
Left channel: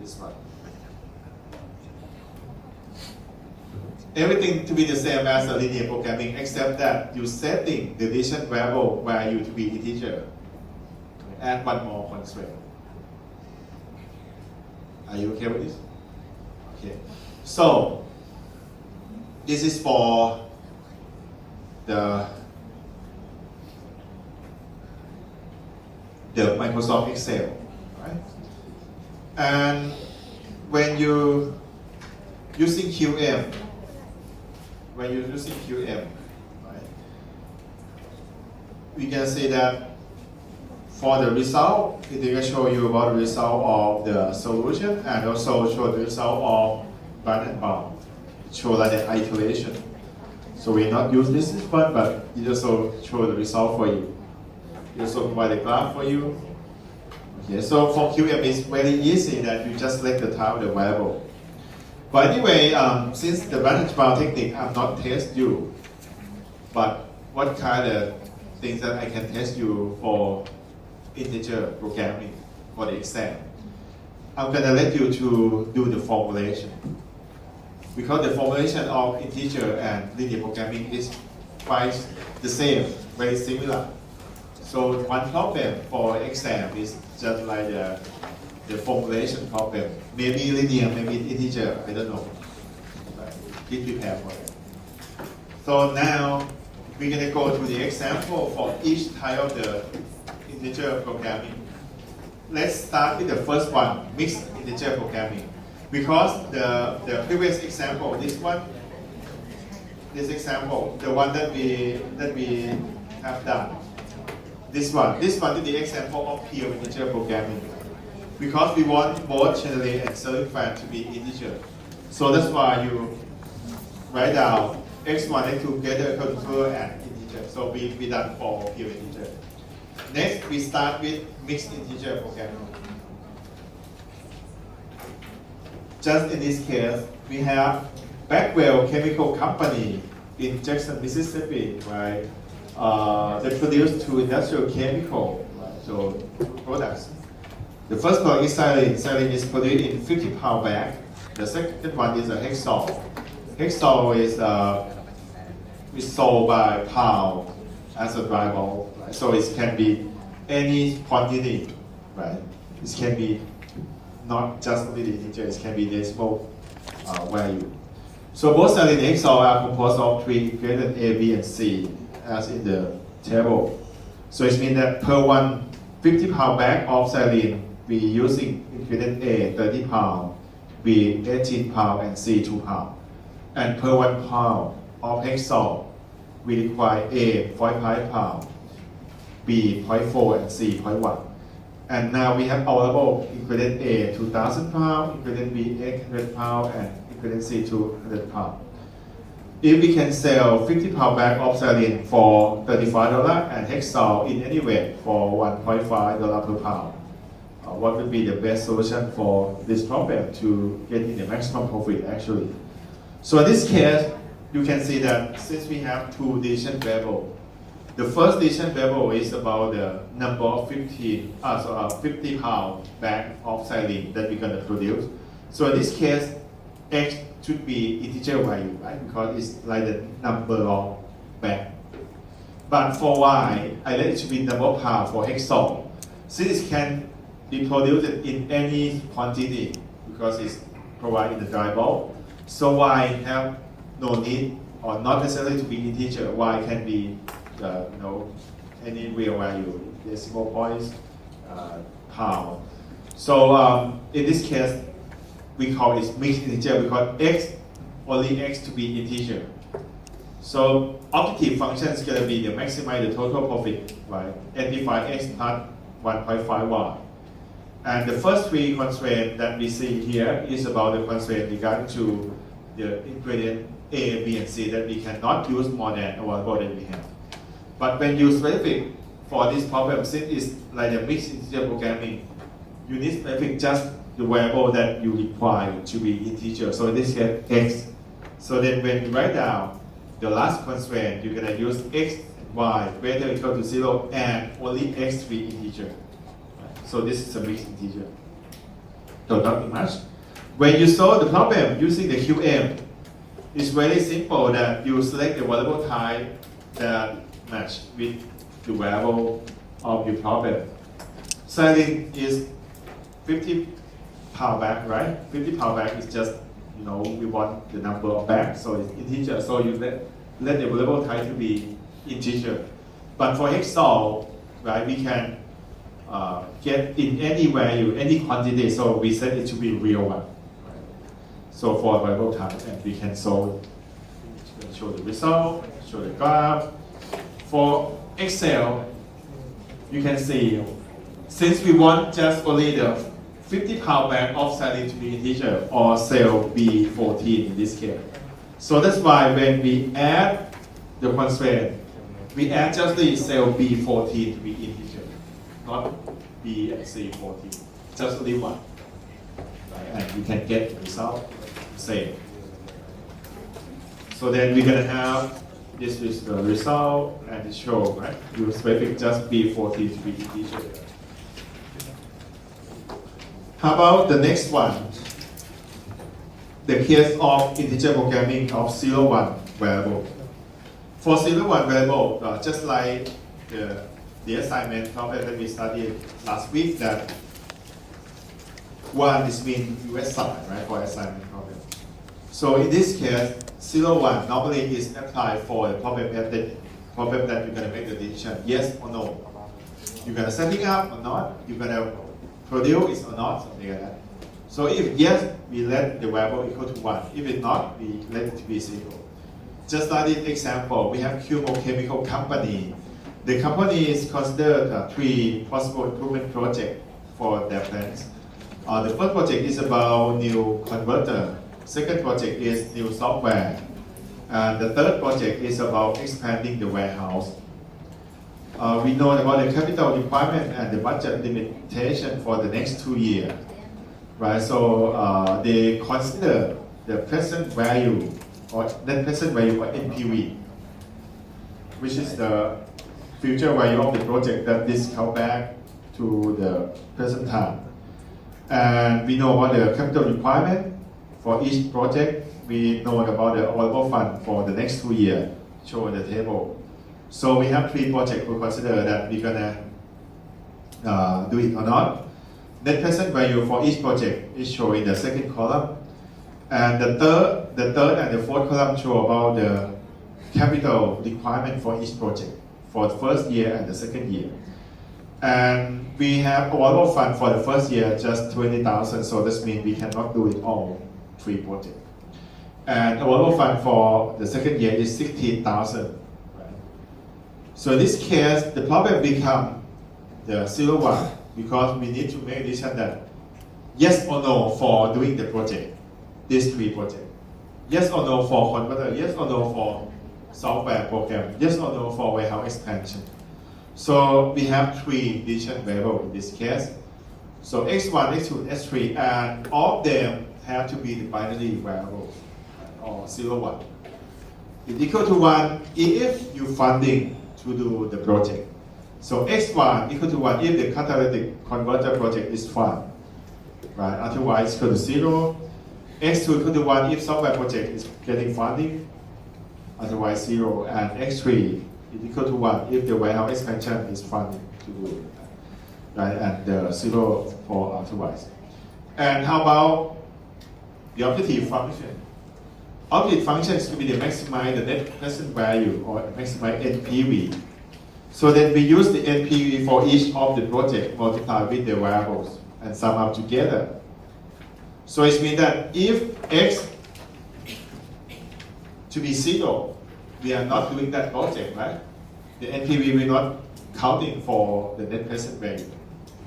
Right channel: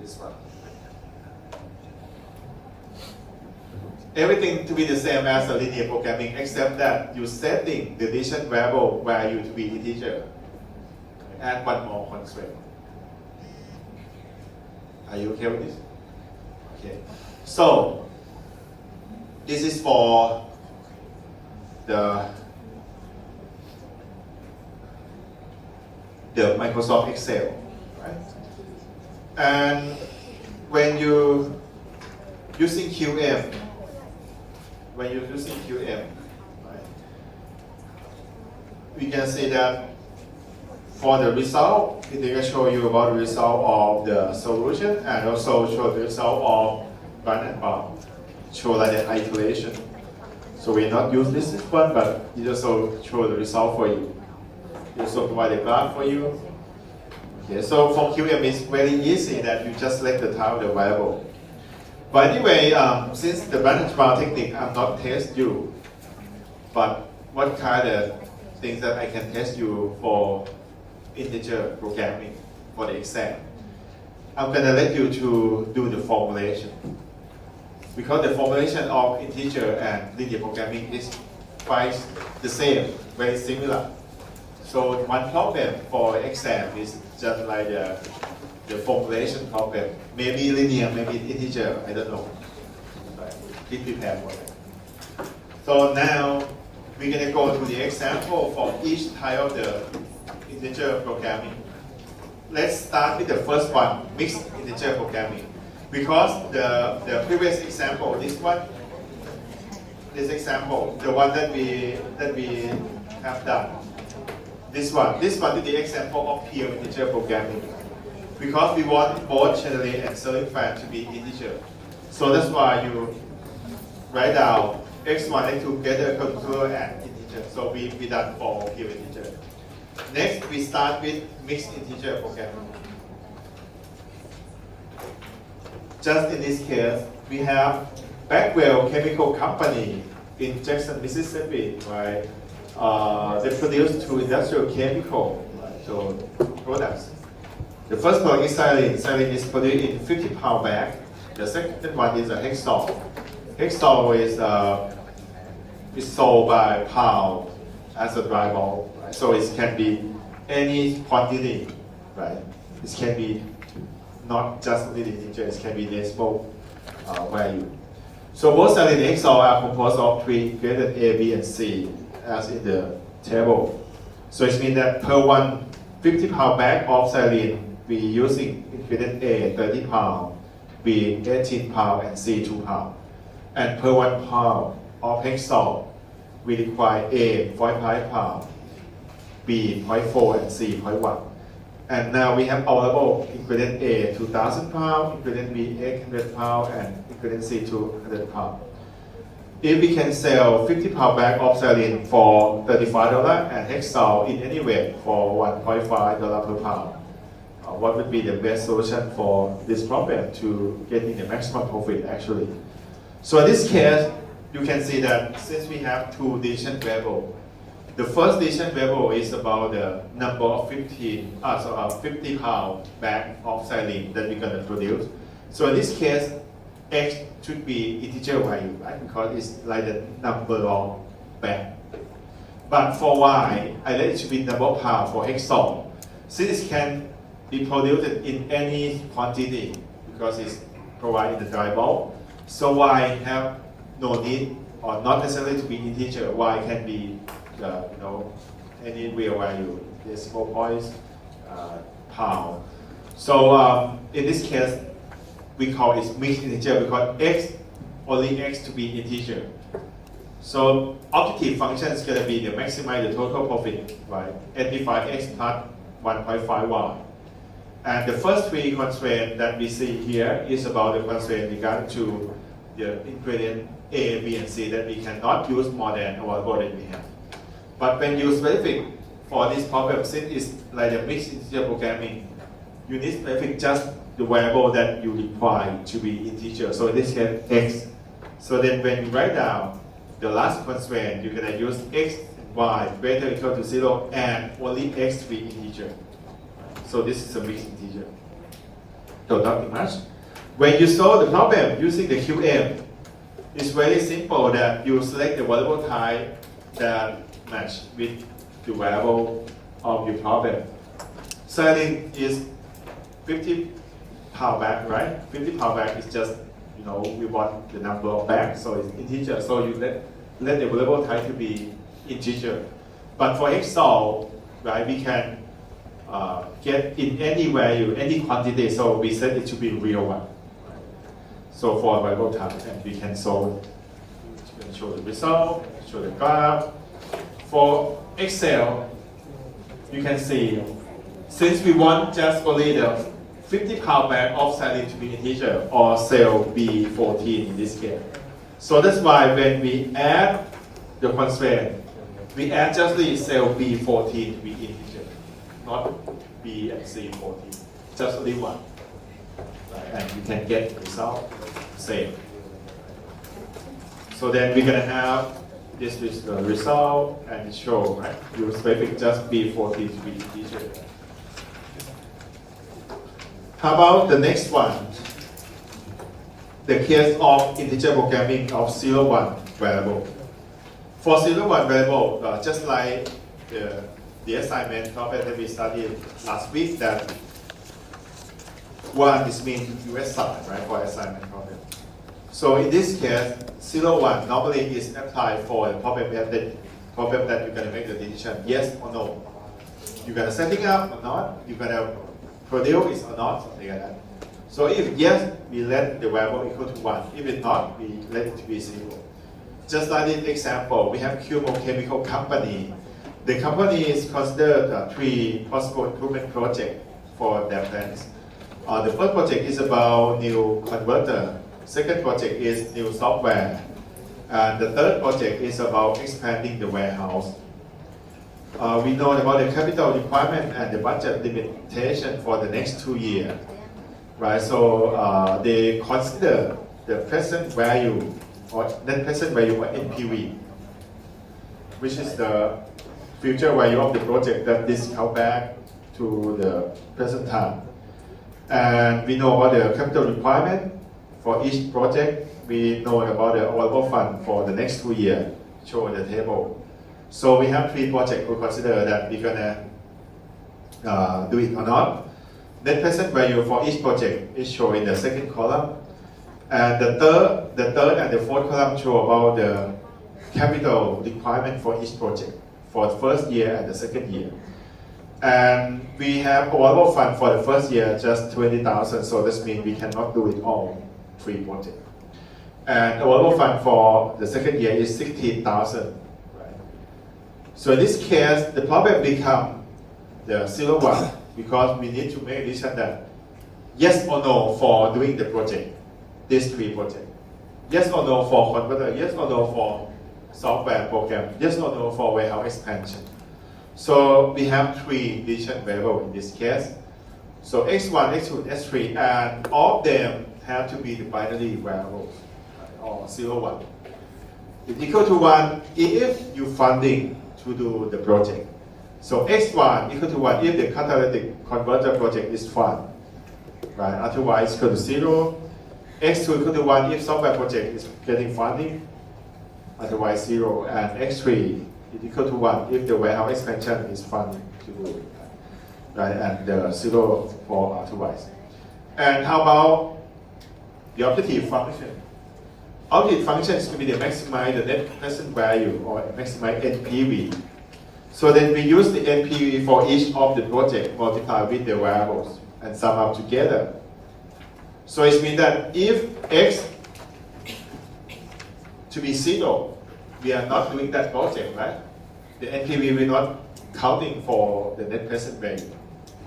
This one. Everything to be the same as a linear programming, except that you're setting the division variable value to be integer. Add one more constraint. Are you okay with this? Okay. So this is for the Microsoft Excel, right? And when you using QM, right, we can say that for the result, it will show you about the result of the solution and also show the result of run and bound, show like an iteration. So we not use this one, but it also show the result for you. It also provide a graph for you. Okay, so for QM it's very easy that you just select the type of the variable. But anyway, since the branch bound technique, I'm not test you, but what kind of things that I can test you for integer programming for the exam? I'm gonna let you to do the formulation, because the formulation of integer and linear programming is quite the same, very similar. So one problem for exam is just like the formulation problem. Maybe linear, maybe integer, I don't know. Be prepared for it. So now we're going to go to the example for each type of the integer programming. Let's start with the first one, mixed integer programming. Because the previous example, this example, the one that we have done, this one is the example of pure integer programming. Because we want both generate and selling fan to be integer. So that's why you write down x1 and 2 together equal to 2 and integer. So we done for given integer. Next, we start with mixed integer programming. Just in this case, we have Backwell Chemical Company in Jackson, Mississippi, right? They produce two industrial chemical products. The first product is saline. Saline is produced in 50-pound bag. The second one is a Hexol. Hexol is sold by pound as a dry ball. So it can be any quantity, right? It can be not just only the integer, it can be decimal value. So both saline and Hexol are composed of three ingredients A, B, and C, as in the table. So it means that per 50-pound bag of saline, we using ingredient A 30 pound, B 18 pound, and C 2 pound. And per 1 pound of Hexol, we require A 0.5 pound, B 0.4, and C 0.1. And now we have available ingredient A 2,000 pound, ingredient B 800 pound, and ingredient C 200 pound. If we can sell 50-pound bag of saline for $35 and Hexol in any way for $1.5 per pound, what would be the best solution for this problem to get in the maximum profit actually? So in this case, you can see that since we have two decision variables, the first decision variable is about the number of 50-pound bag of saline that we're going to produce. So in this case, X should be integer value, right? Because it's like the number of bag. But for Y, I let it should be number of pound for Hexol. Since it can be produced in any quantity because it's provided in the dry bulk, so Y have no need or not necessarily to be integer. Y can be any real value, decimal points, pound. So in this case, we call it mixed integer because X only X to be integer. So objective function is going to be to maximize the total profit, right? Amplify X plus 1.5Y. And the first three constraints that we see here is about the constraint regarding to the ingredient A, B, and C that we cannot use more than available that we have. But when you specific for this problem, since it's like a mixed integer programming, you need specific just the variable that you require to be integer. So in this case, X. So then when you write down the last constraint, you're going to use X and Y greater or equal to 0 and only X to be integer. So this is a mixed integer. So nothing much. When you solve the problem using the QM, it's very simple that you select the variable type that match with the variable of your problem. Saline is 50-pound bag, right? 50-pound bag is just, we want the number of bags, so it's integer. So you let the variable type to be integer. But for Hexol, right, we can get in any value, any quantity, so we set it to be real one. Right? So for variable type, and we can solve it. We'll show the result, show the graph. For Excel, you can see, since we want just only the 50-pound bag of saline to be integer, or cell B14 in this case. So that's why when we add the constraint, we add just the cell B14 to be integer, not B and C14, just only one. And you can get the result same. So then we're going to have this is the result and it shows, right? You specific just B14 to be integer. How about the next one? The case of integer programming of 0-1 variable. For 0-1 variable, just like the assignment problem that we studied last week, that 1 is mean US side, right, for assignment problem. So in this case, 0-1 normally is applied for a problem that you're going to make the decision, yes or no. You're going to set it up or not, you're going to produce or not, something like that. So if yes, we let the variable equal to 1. If it's not, we let it to be 0. Just like this example, we have Cumo Chemical Company. The company is considered 3 possible improvement projects for their plants. The first project is about new converter Second project is new software. And the third project is about expanding the warehouse. We know about the capital requirement and the budget limitation for the next 2 years, right? So they consider the present value or net present value or NPV, which is the future value of the project that discount back to the present time. And we know about the capital requirement for each project. We know about the available fund for the next 2 years, shown in the table. So we have 3 projects to consider that we're gonna do it or not. Net present value for each project is shown in the second column. And the third and the fourth column show about the capital requirement for each project for the first year and the second year. And we have available fund for the first year just 20,000, so this means we cannot do it all 3 projects. And available fund for the second year is 16,000. Right? So in this case, the problem becomes the 0-1 because we need to make a decision that yes or no for doing the project, these 3 projects. Yes or no for converter, yes or no for software program, yes or no for warehouse expansion. So we have 3 decision variables in this case. So x1, x2, x3, and all of them have to be the binary variables, or 0-1. It's equal to 1 if you funding to do the project. So x1 equal to 1 if the catalytic converter project is fund, right? Otherwise equal to 0. x2 equal to 1 if software project is getting funding, otherwise 0. And x3 is equal to 1 if the warehouse expansion is funding to do it, right? And 0 for otherwise. And how about the objective function? Objective function is to be the maximize the net present value or maximize NPV. So then we use the NPV for each of the project multiplied with the variables and sum up together. So it means that if x to be 0, we are not doing that project, right? The NPV will not counting for the net present value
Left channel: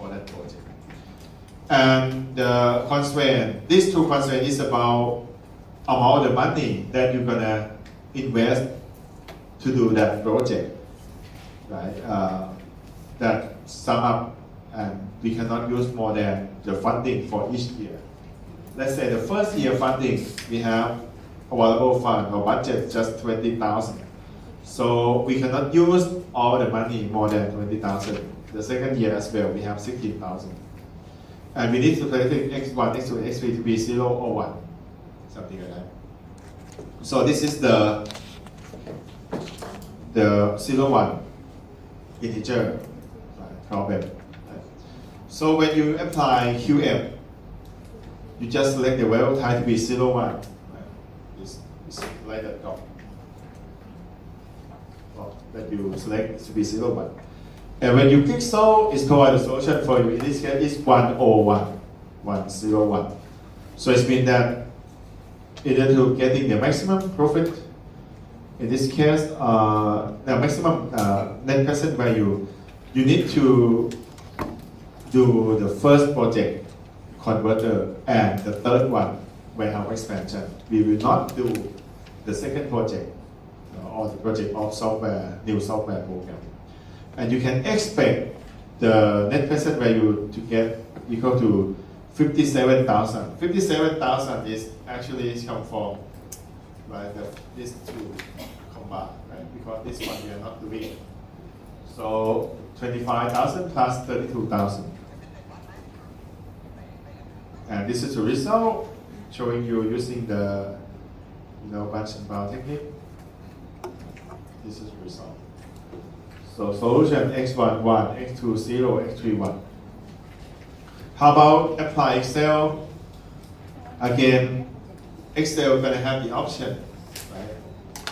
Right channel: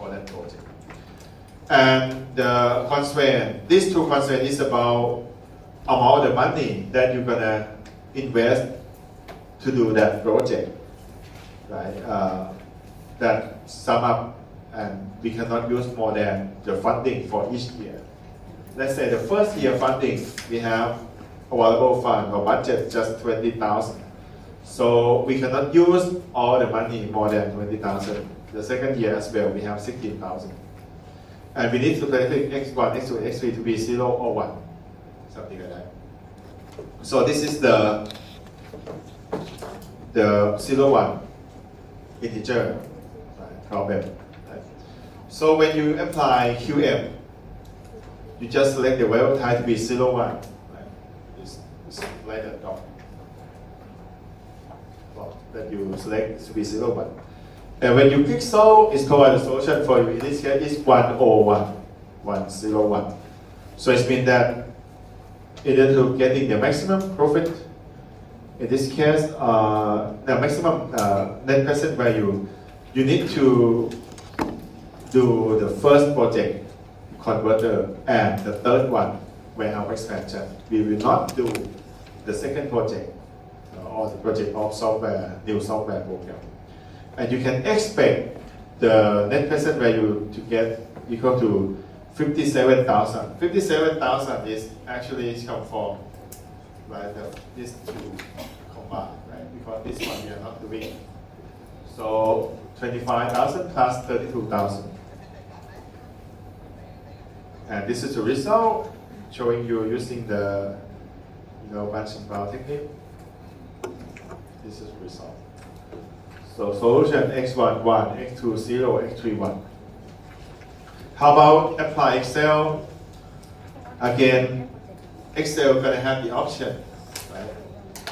for that project. And the constraint, these 2 constraints is about amount of money that you're gonna invest to do that project, right? That sum up, and we cannot use more than the funding for each year. Let's say the first year funding, we have available fund or budget just 20,000. So we cannot use all the money more than 20,000. The second year as well, we have 16,000. And we need to calculate x1, x2, x3 to be 0 or 1, something like that. So this is the 0-1 integer problem. So when you apply QM, you just select the variable type to be 0-1. Just select that dot. That you select to be 0-1. And when you click solve, it's provided a solution for you. In this case, it's 101, 101. So it means that in order to getting the maximum profit, in this case, the maximum net present value, you need to do the first project converter and the third one warehouse expansion. We will not do the second project or the project of software, new software program. And you can expect the net present value to get equal to 57,000. 57,000 is actually come from these 2 combined, right? Because this one we are not doing. So 25,000 plus 32,000. And this is the result showing you using the bunch and bound technique. This is the result. So solution x1 1, x2 0, x3 1. How about apply Excel? Again, Excel gonna have the option. Right?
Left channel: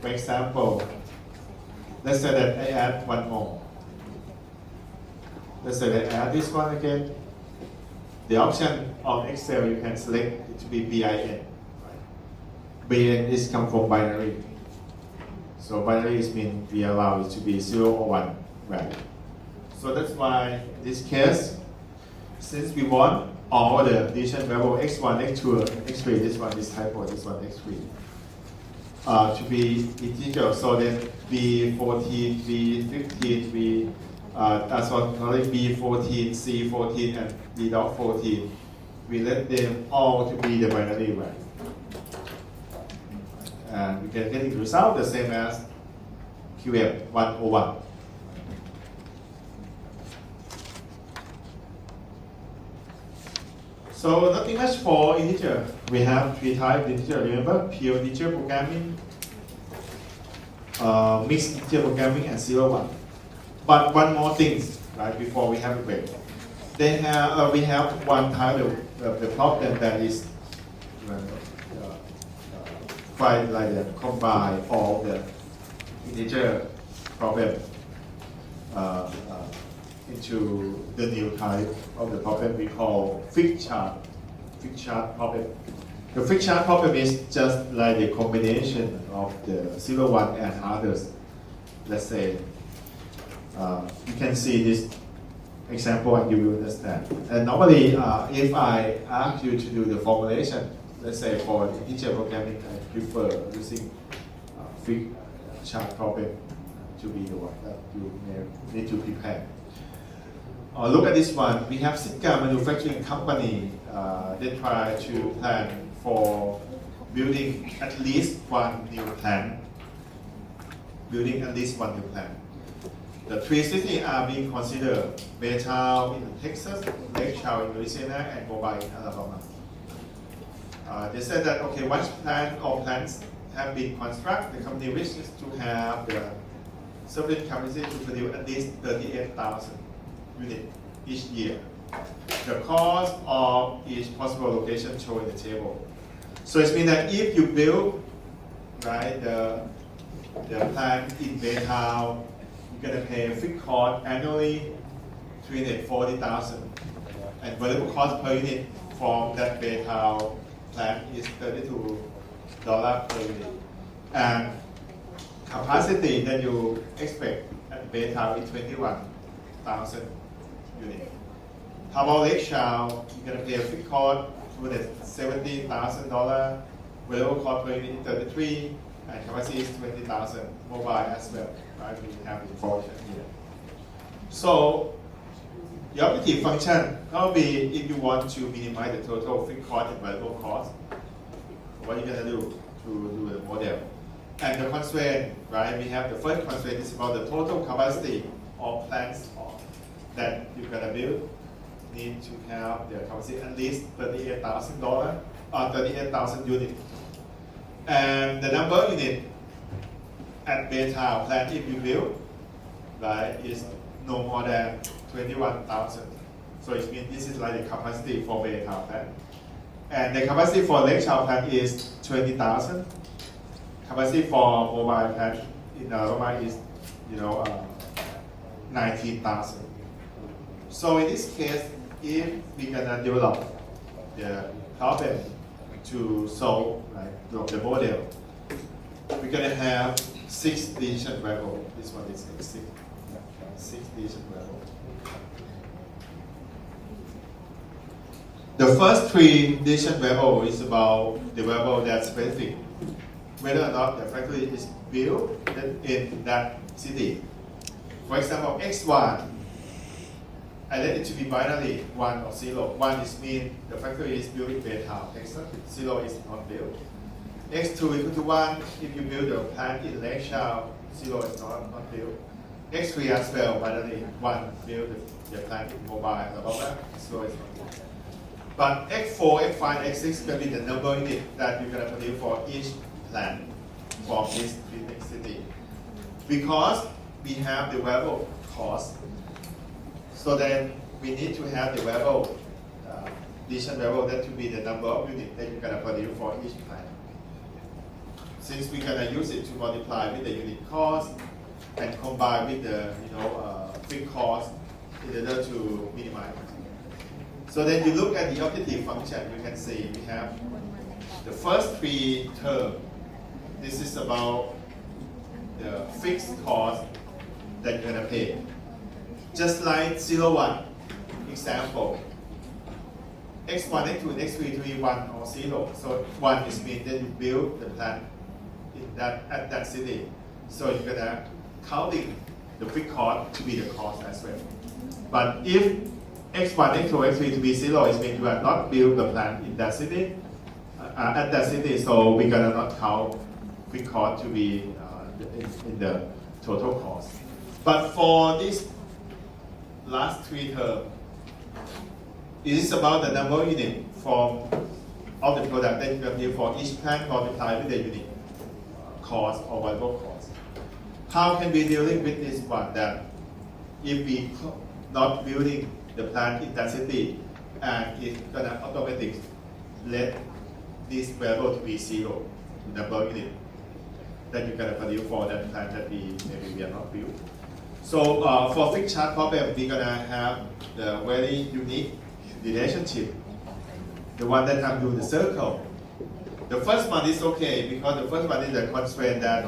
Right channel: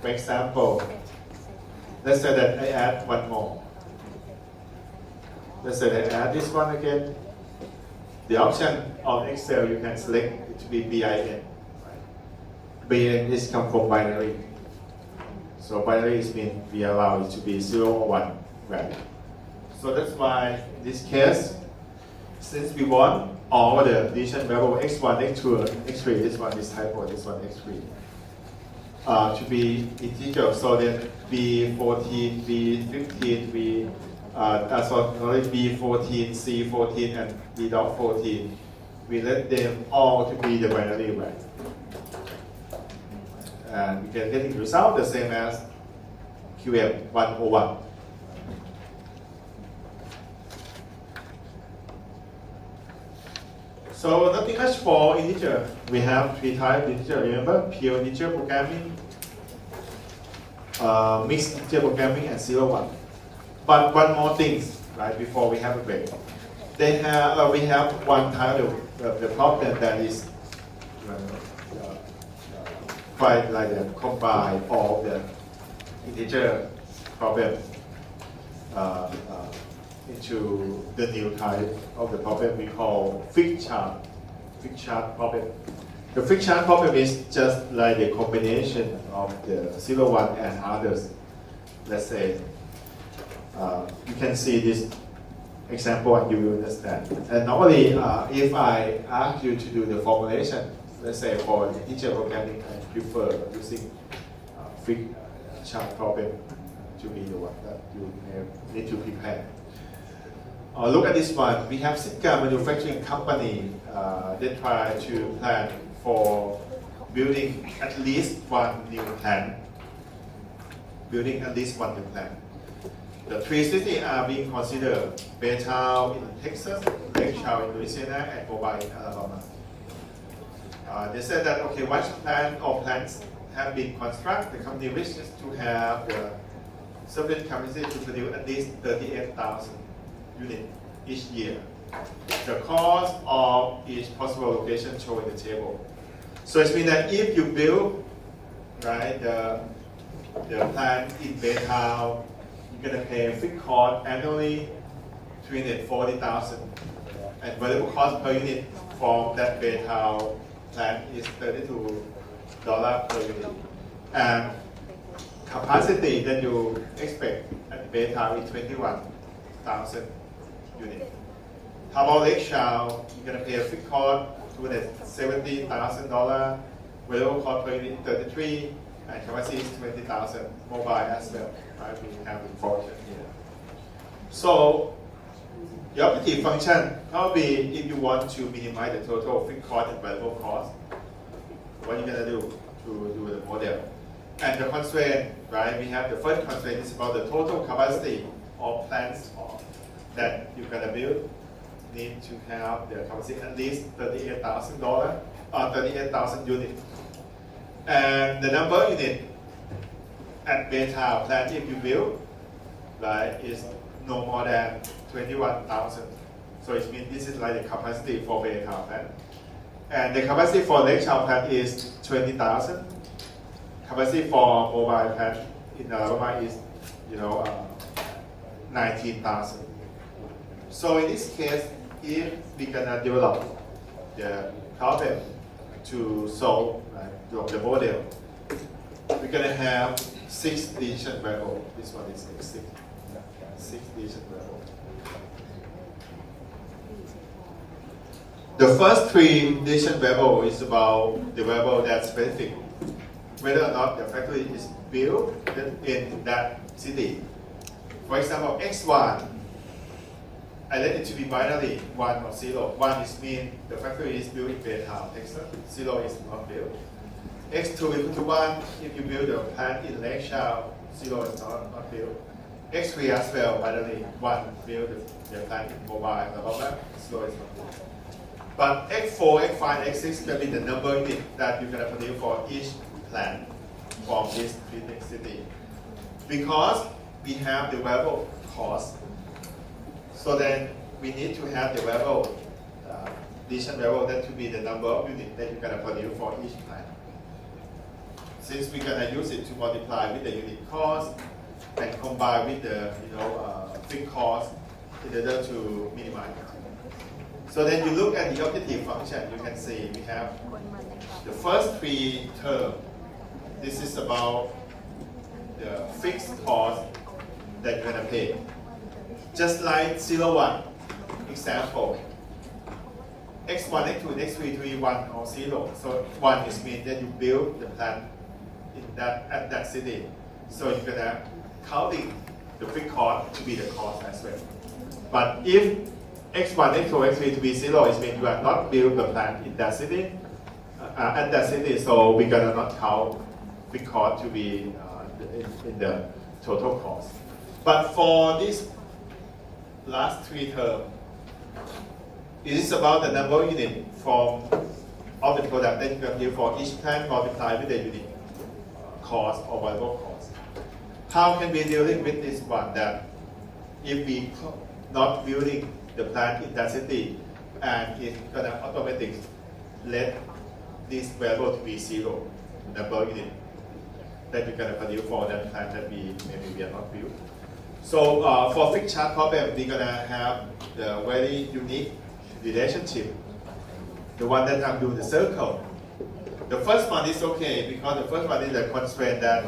For example, let's say that I add one more. Let's say that I add this one again. The option of Excel you can select it to be BIN. Right? BIN is come from binary. So binary means we allow it to be 0 or 1 value. So that's why in this case, since we want all the addition variable x1, x2, x3, this one is typo, this one x3, to be integer. So then b14, b15, b14, c14, and b.14, we let them all to be the binary way. And we can get the result the same as QM 101. So nothing much for integer. We have three types of integer. Remember, pure integer programming, mixed integer programming, and 0-1. But one more thing, right? Before we have a break, we have one type of the problem that is quite like the combine all the integer problem into the new type of the problem we call fixed chart problem. The fixed chart problem is just like the combination of the 0, 1 and others. Let's say you can see this example and you will understand. And normally, if I ask you to do the formulation, let's say for the integer programming, I prefer using fixed chart problem to be the one that you need to prepare. Look at this one. We have Sitka manufacturing company. They try to plan for building at least one new plant. The three cities are being considered: Baytown in Texas, Lake Charles in Louisiana, and Mobile in Alabama. They said that once plant or plants have been constructed, the company wishes to have the sufficient capacity to produce at least 38,000 units each year. The cost of each possible location shown in the table. So it means that if you build the plant in Baytown, you're going to pay fixed cost annually $340,000, and variable cost per unit from that Baytown plant is $32 per unit. And capacity that you expect at Baytown is 21,000 units. How about Lake Charles? You're going to pay a fixed cost $270,000, variable cost per unit 33, and capacity is 20,000. Mobile as well. We have it for here. So the objective function probably, if you want to minimize the total fixed cost and variable cost, what you're going to do to do the model. And the constraint, we have the first constraint is about the total capacity of plants that you're going to build. Need to have the capacity at least $38,000 units. And the number of units at Baytown plant if you build, is no more than 21,000. So it means this is like the capacity for Baytown plant. And the capacity for Lake Charles plant is 20,000. Capacity for mobile plant in Alabama is 19,000. So in this case, if we're gonna develop the problem to solve the model, we're gonna have 6 decision variables. This one is 6 decision variables. The first 3 decision variables is about the variable that's specific, whether or not the factory is built in that city. For example, x1, I let it to be binary 1 or 0. 1 is mean the factory is built in Baytown, Texas. 0 is not built. X2 equal to 1 if you build a plant in Lake Charles. 0 is not built. X3 as well, binary 1 build the plant in Mobile, Alabama. 0 is not built. But X4, X5, X6 can be the number unit that you're going to produce for each plant from this 3 big city. Because we have the variable cost, so then we need to have the variable, decision variable that to be the number of units that you're going to produce for each plant. Since we're going to use it to multiply with the unit cost and combine with the fixed cost in order to minimize. So then you look at the objective function, you can see we have the first 3 terms. This is about the fixed cost that you're going to pay. Just like 0, 1 example. x1, x2, x3 to be 1 or 0. So 1 is mean that you build the plant at that city. So you're gonna counting the fixed cost to be the cost as well. But if x1, x2, x3 to be 0, it means you are not build the plant in that city, at that city. So we're gonna not count fixed cost to be in the total cost. But for this last 3 terms, it is about the number of units from of the product that you can build for each plant multiplied with the unit cost or variable cost. How can we dealing with this one? That if we not building the plant in that city, and it's gonna automatically let this variable to be 0, number of units that you're gonna produce for that plant that maybe we are not built. So for fixed charge problem, we're gonna have the very unique relationship. The one that I'm doing the circle. The first one is okay because the first one is the constraint that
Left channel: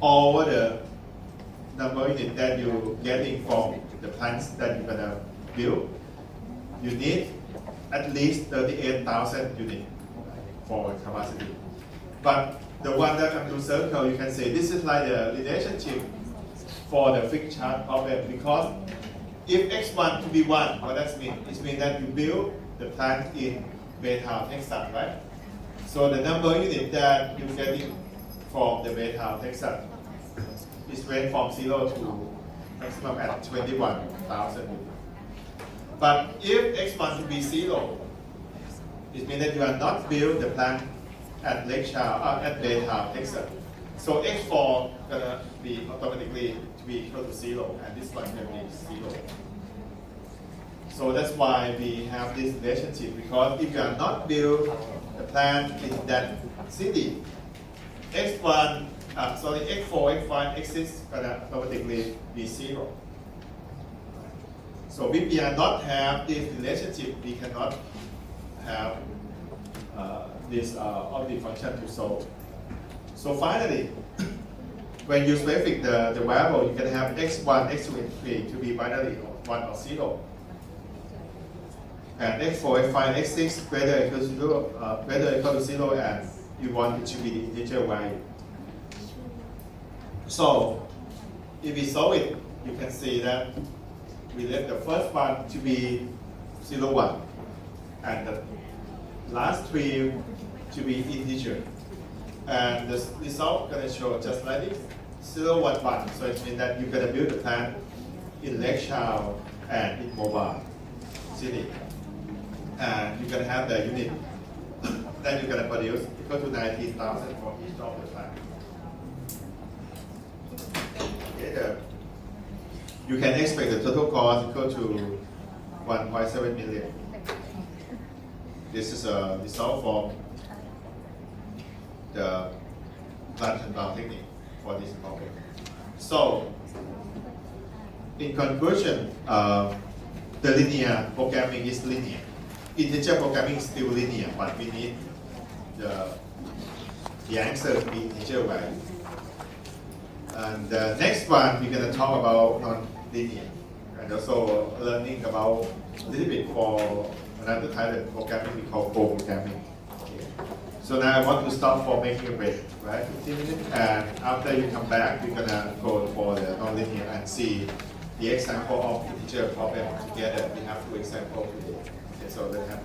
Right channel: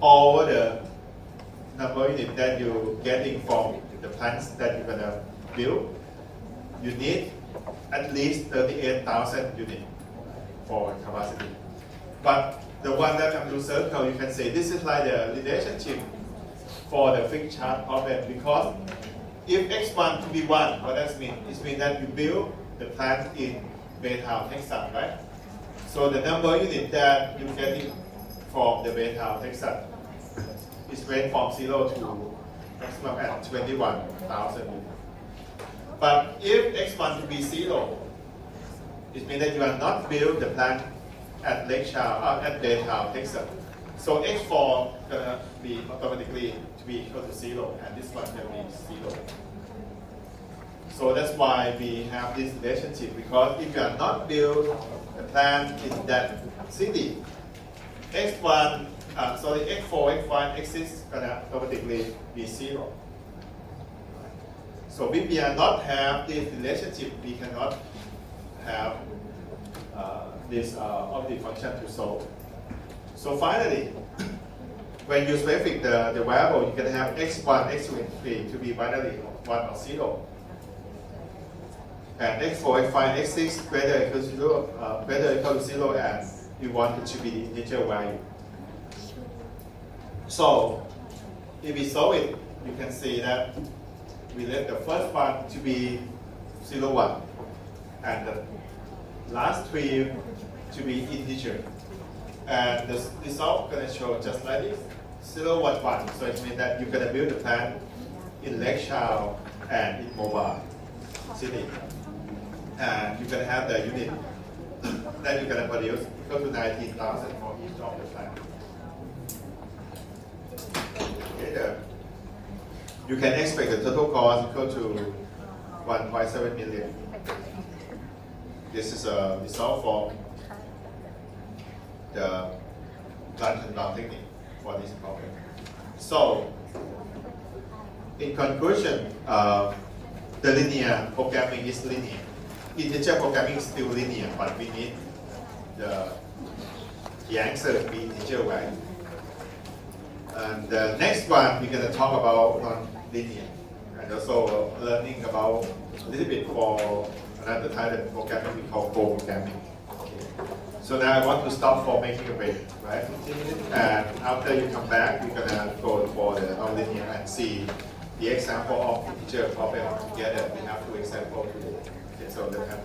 all the number of units that you're getting from the plants that you're gonna build, you need at least 38,000 units for capacity. But the one that I'm doing circle, you can say this is like the relationship for the fixed charge problem, because if x1 to be 1, what that means? It means that you build the plant in Baytown, Texas, right? So the number of units that you get from the Baytown, Texas is range from 0 to maximum at 21,000 units. But if x1 to be 0, it means that you are not build the plant at at Baytown, Texas. So x4 gonna be automatically to be equal to 0, and this one will be 0. So that's why we have this relationship, because if you are not build the plant in that city, x4, x5, x6 gonna automatically be 0. So if we are not have this relationship, we cannot have this objective function to solve. So finally, when you specify the variable, you can have x1, x2, and x3 to be binary, 1 or 0. And x4, x5, x6 greater equal to 0, greater equal to 0, and you want it to be the integer value. So if we solve it, you can see that we let the first one to be 0, 1, and the last 3 to be integer. And the result going to show just like this, 0, 1, 1. So it means that you're going to build the plant in Lake Charles and in Mobile City. And you're going to have the unit that you're going to produce equal to 19,000 for each of the plant. Okay, you can expect the total cost equal to 1.7 million. This is a result from the plant and bound technique for this problem. So, in conclusion, the linear programming is linear. Integer programming is still linear, but we need the answer to be integer value. And the next one, we're going to talk about non-linear, and also learning about a little bit for another type of programming we call co-programming. Okay. So now I want to stop for making a break, right? 15 minutes, and after you come back, we're going to go for the non-linear and see the example of integer problem together. We have two examples today. Okay, so let's have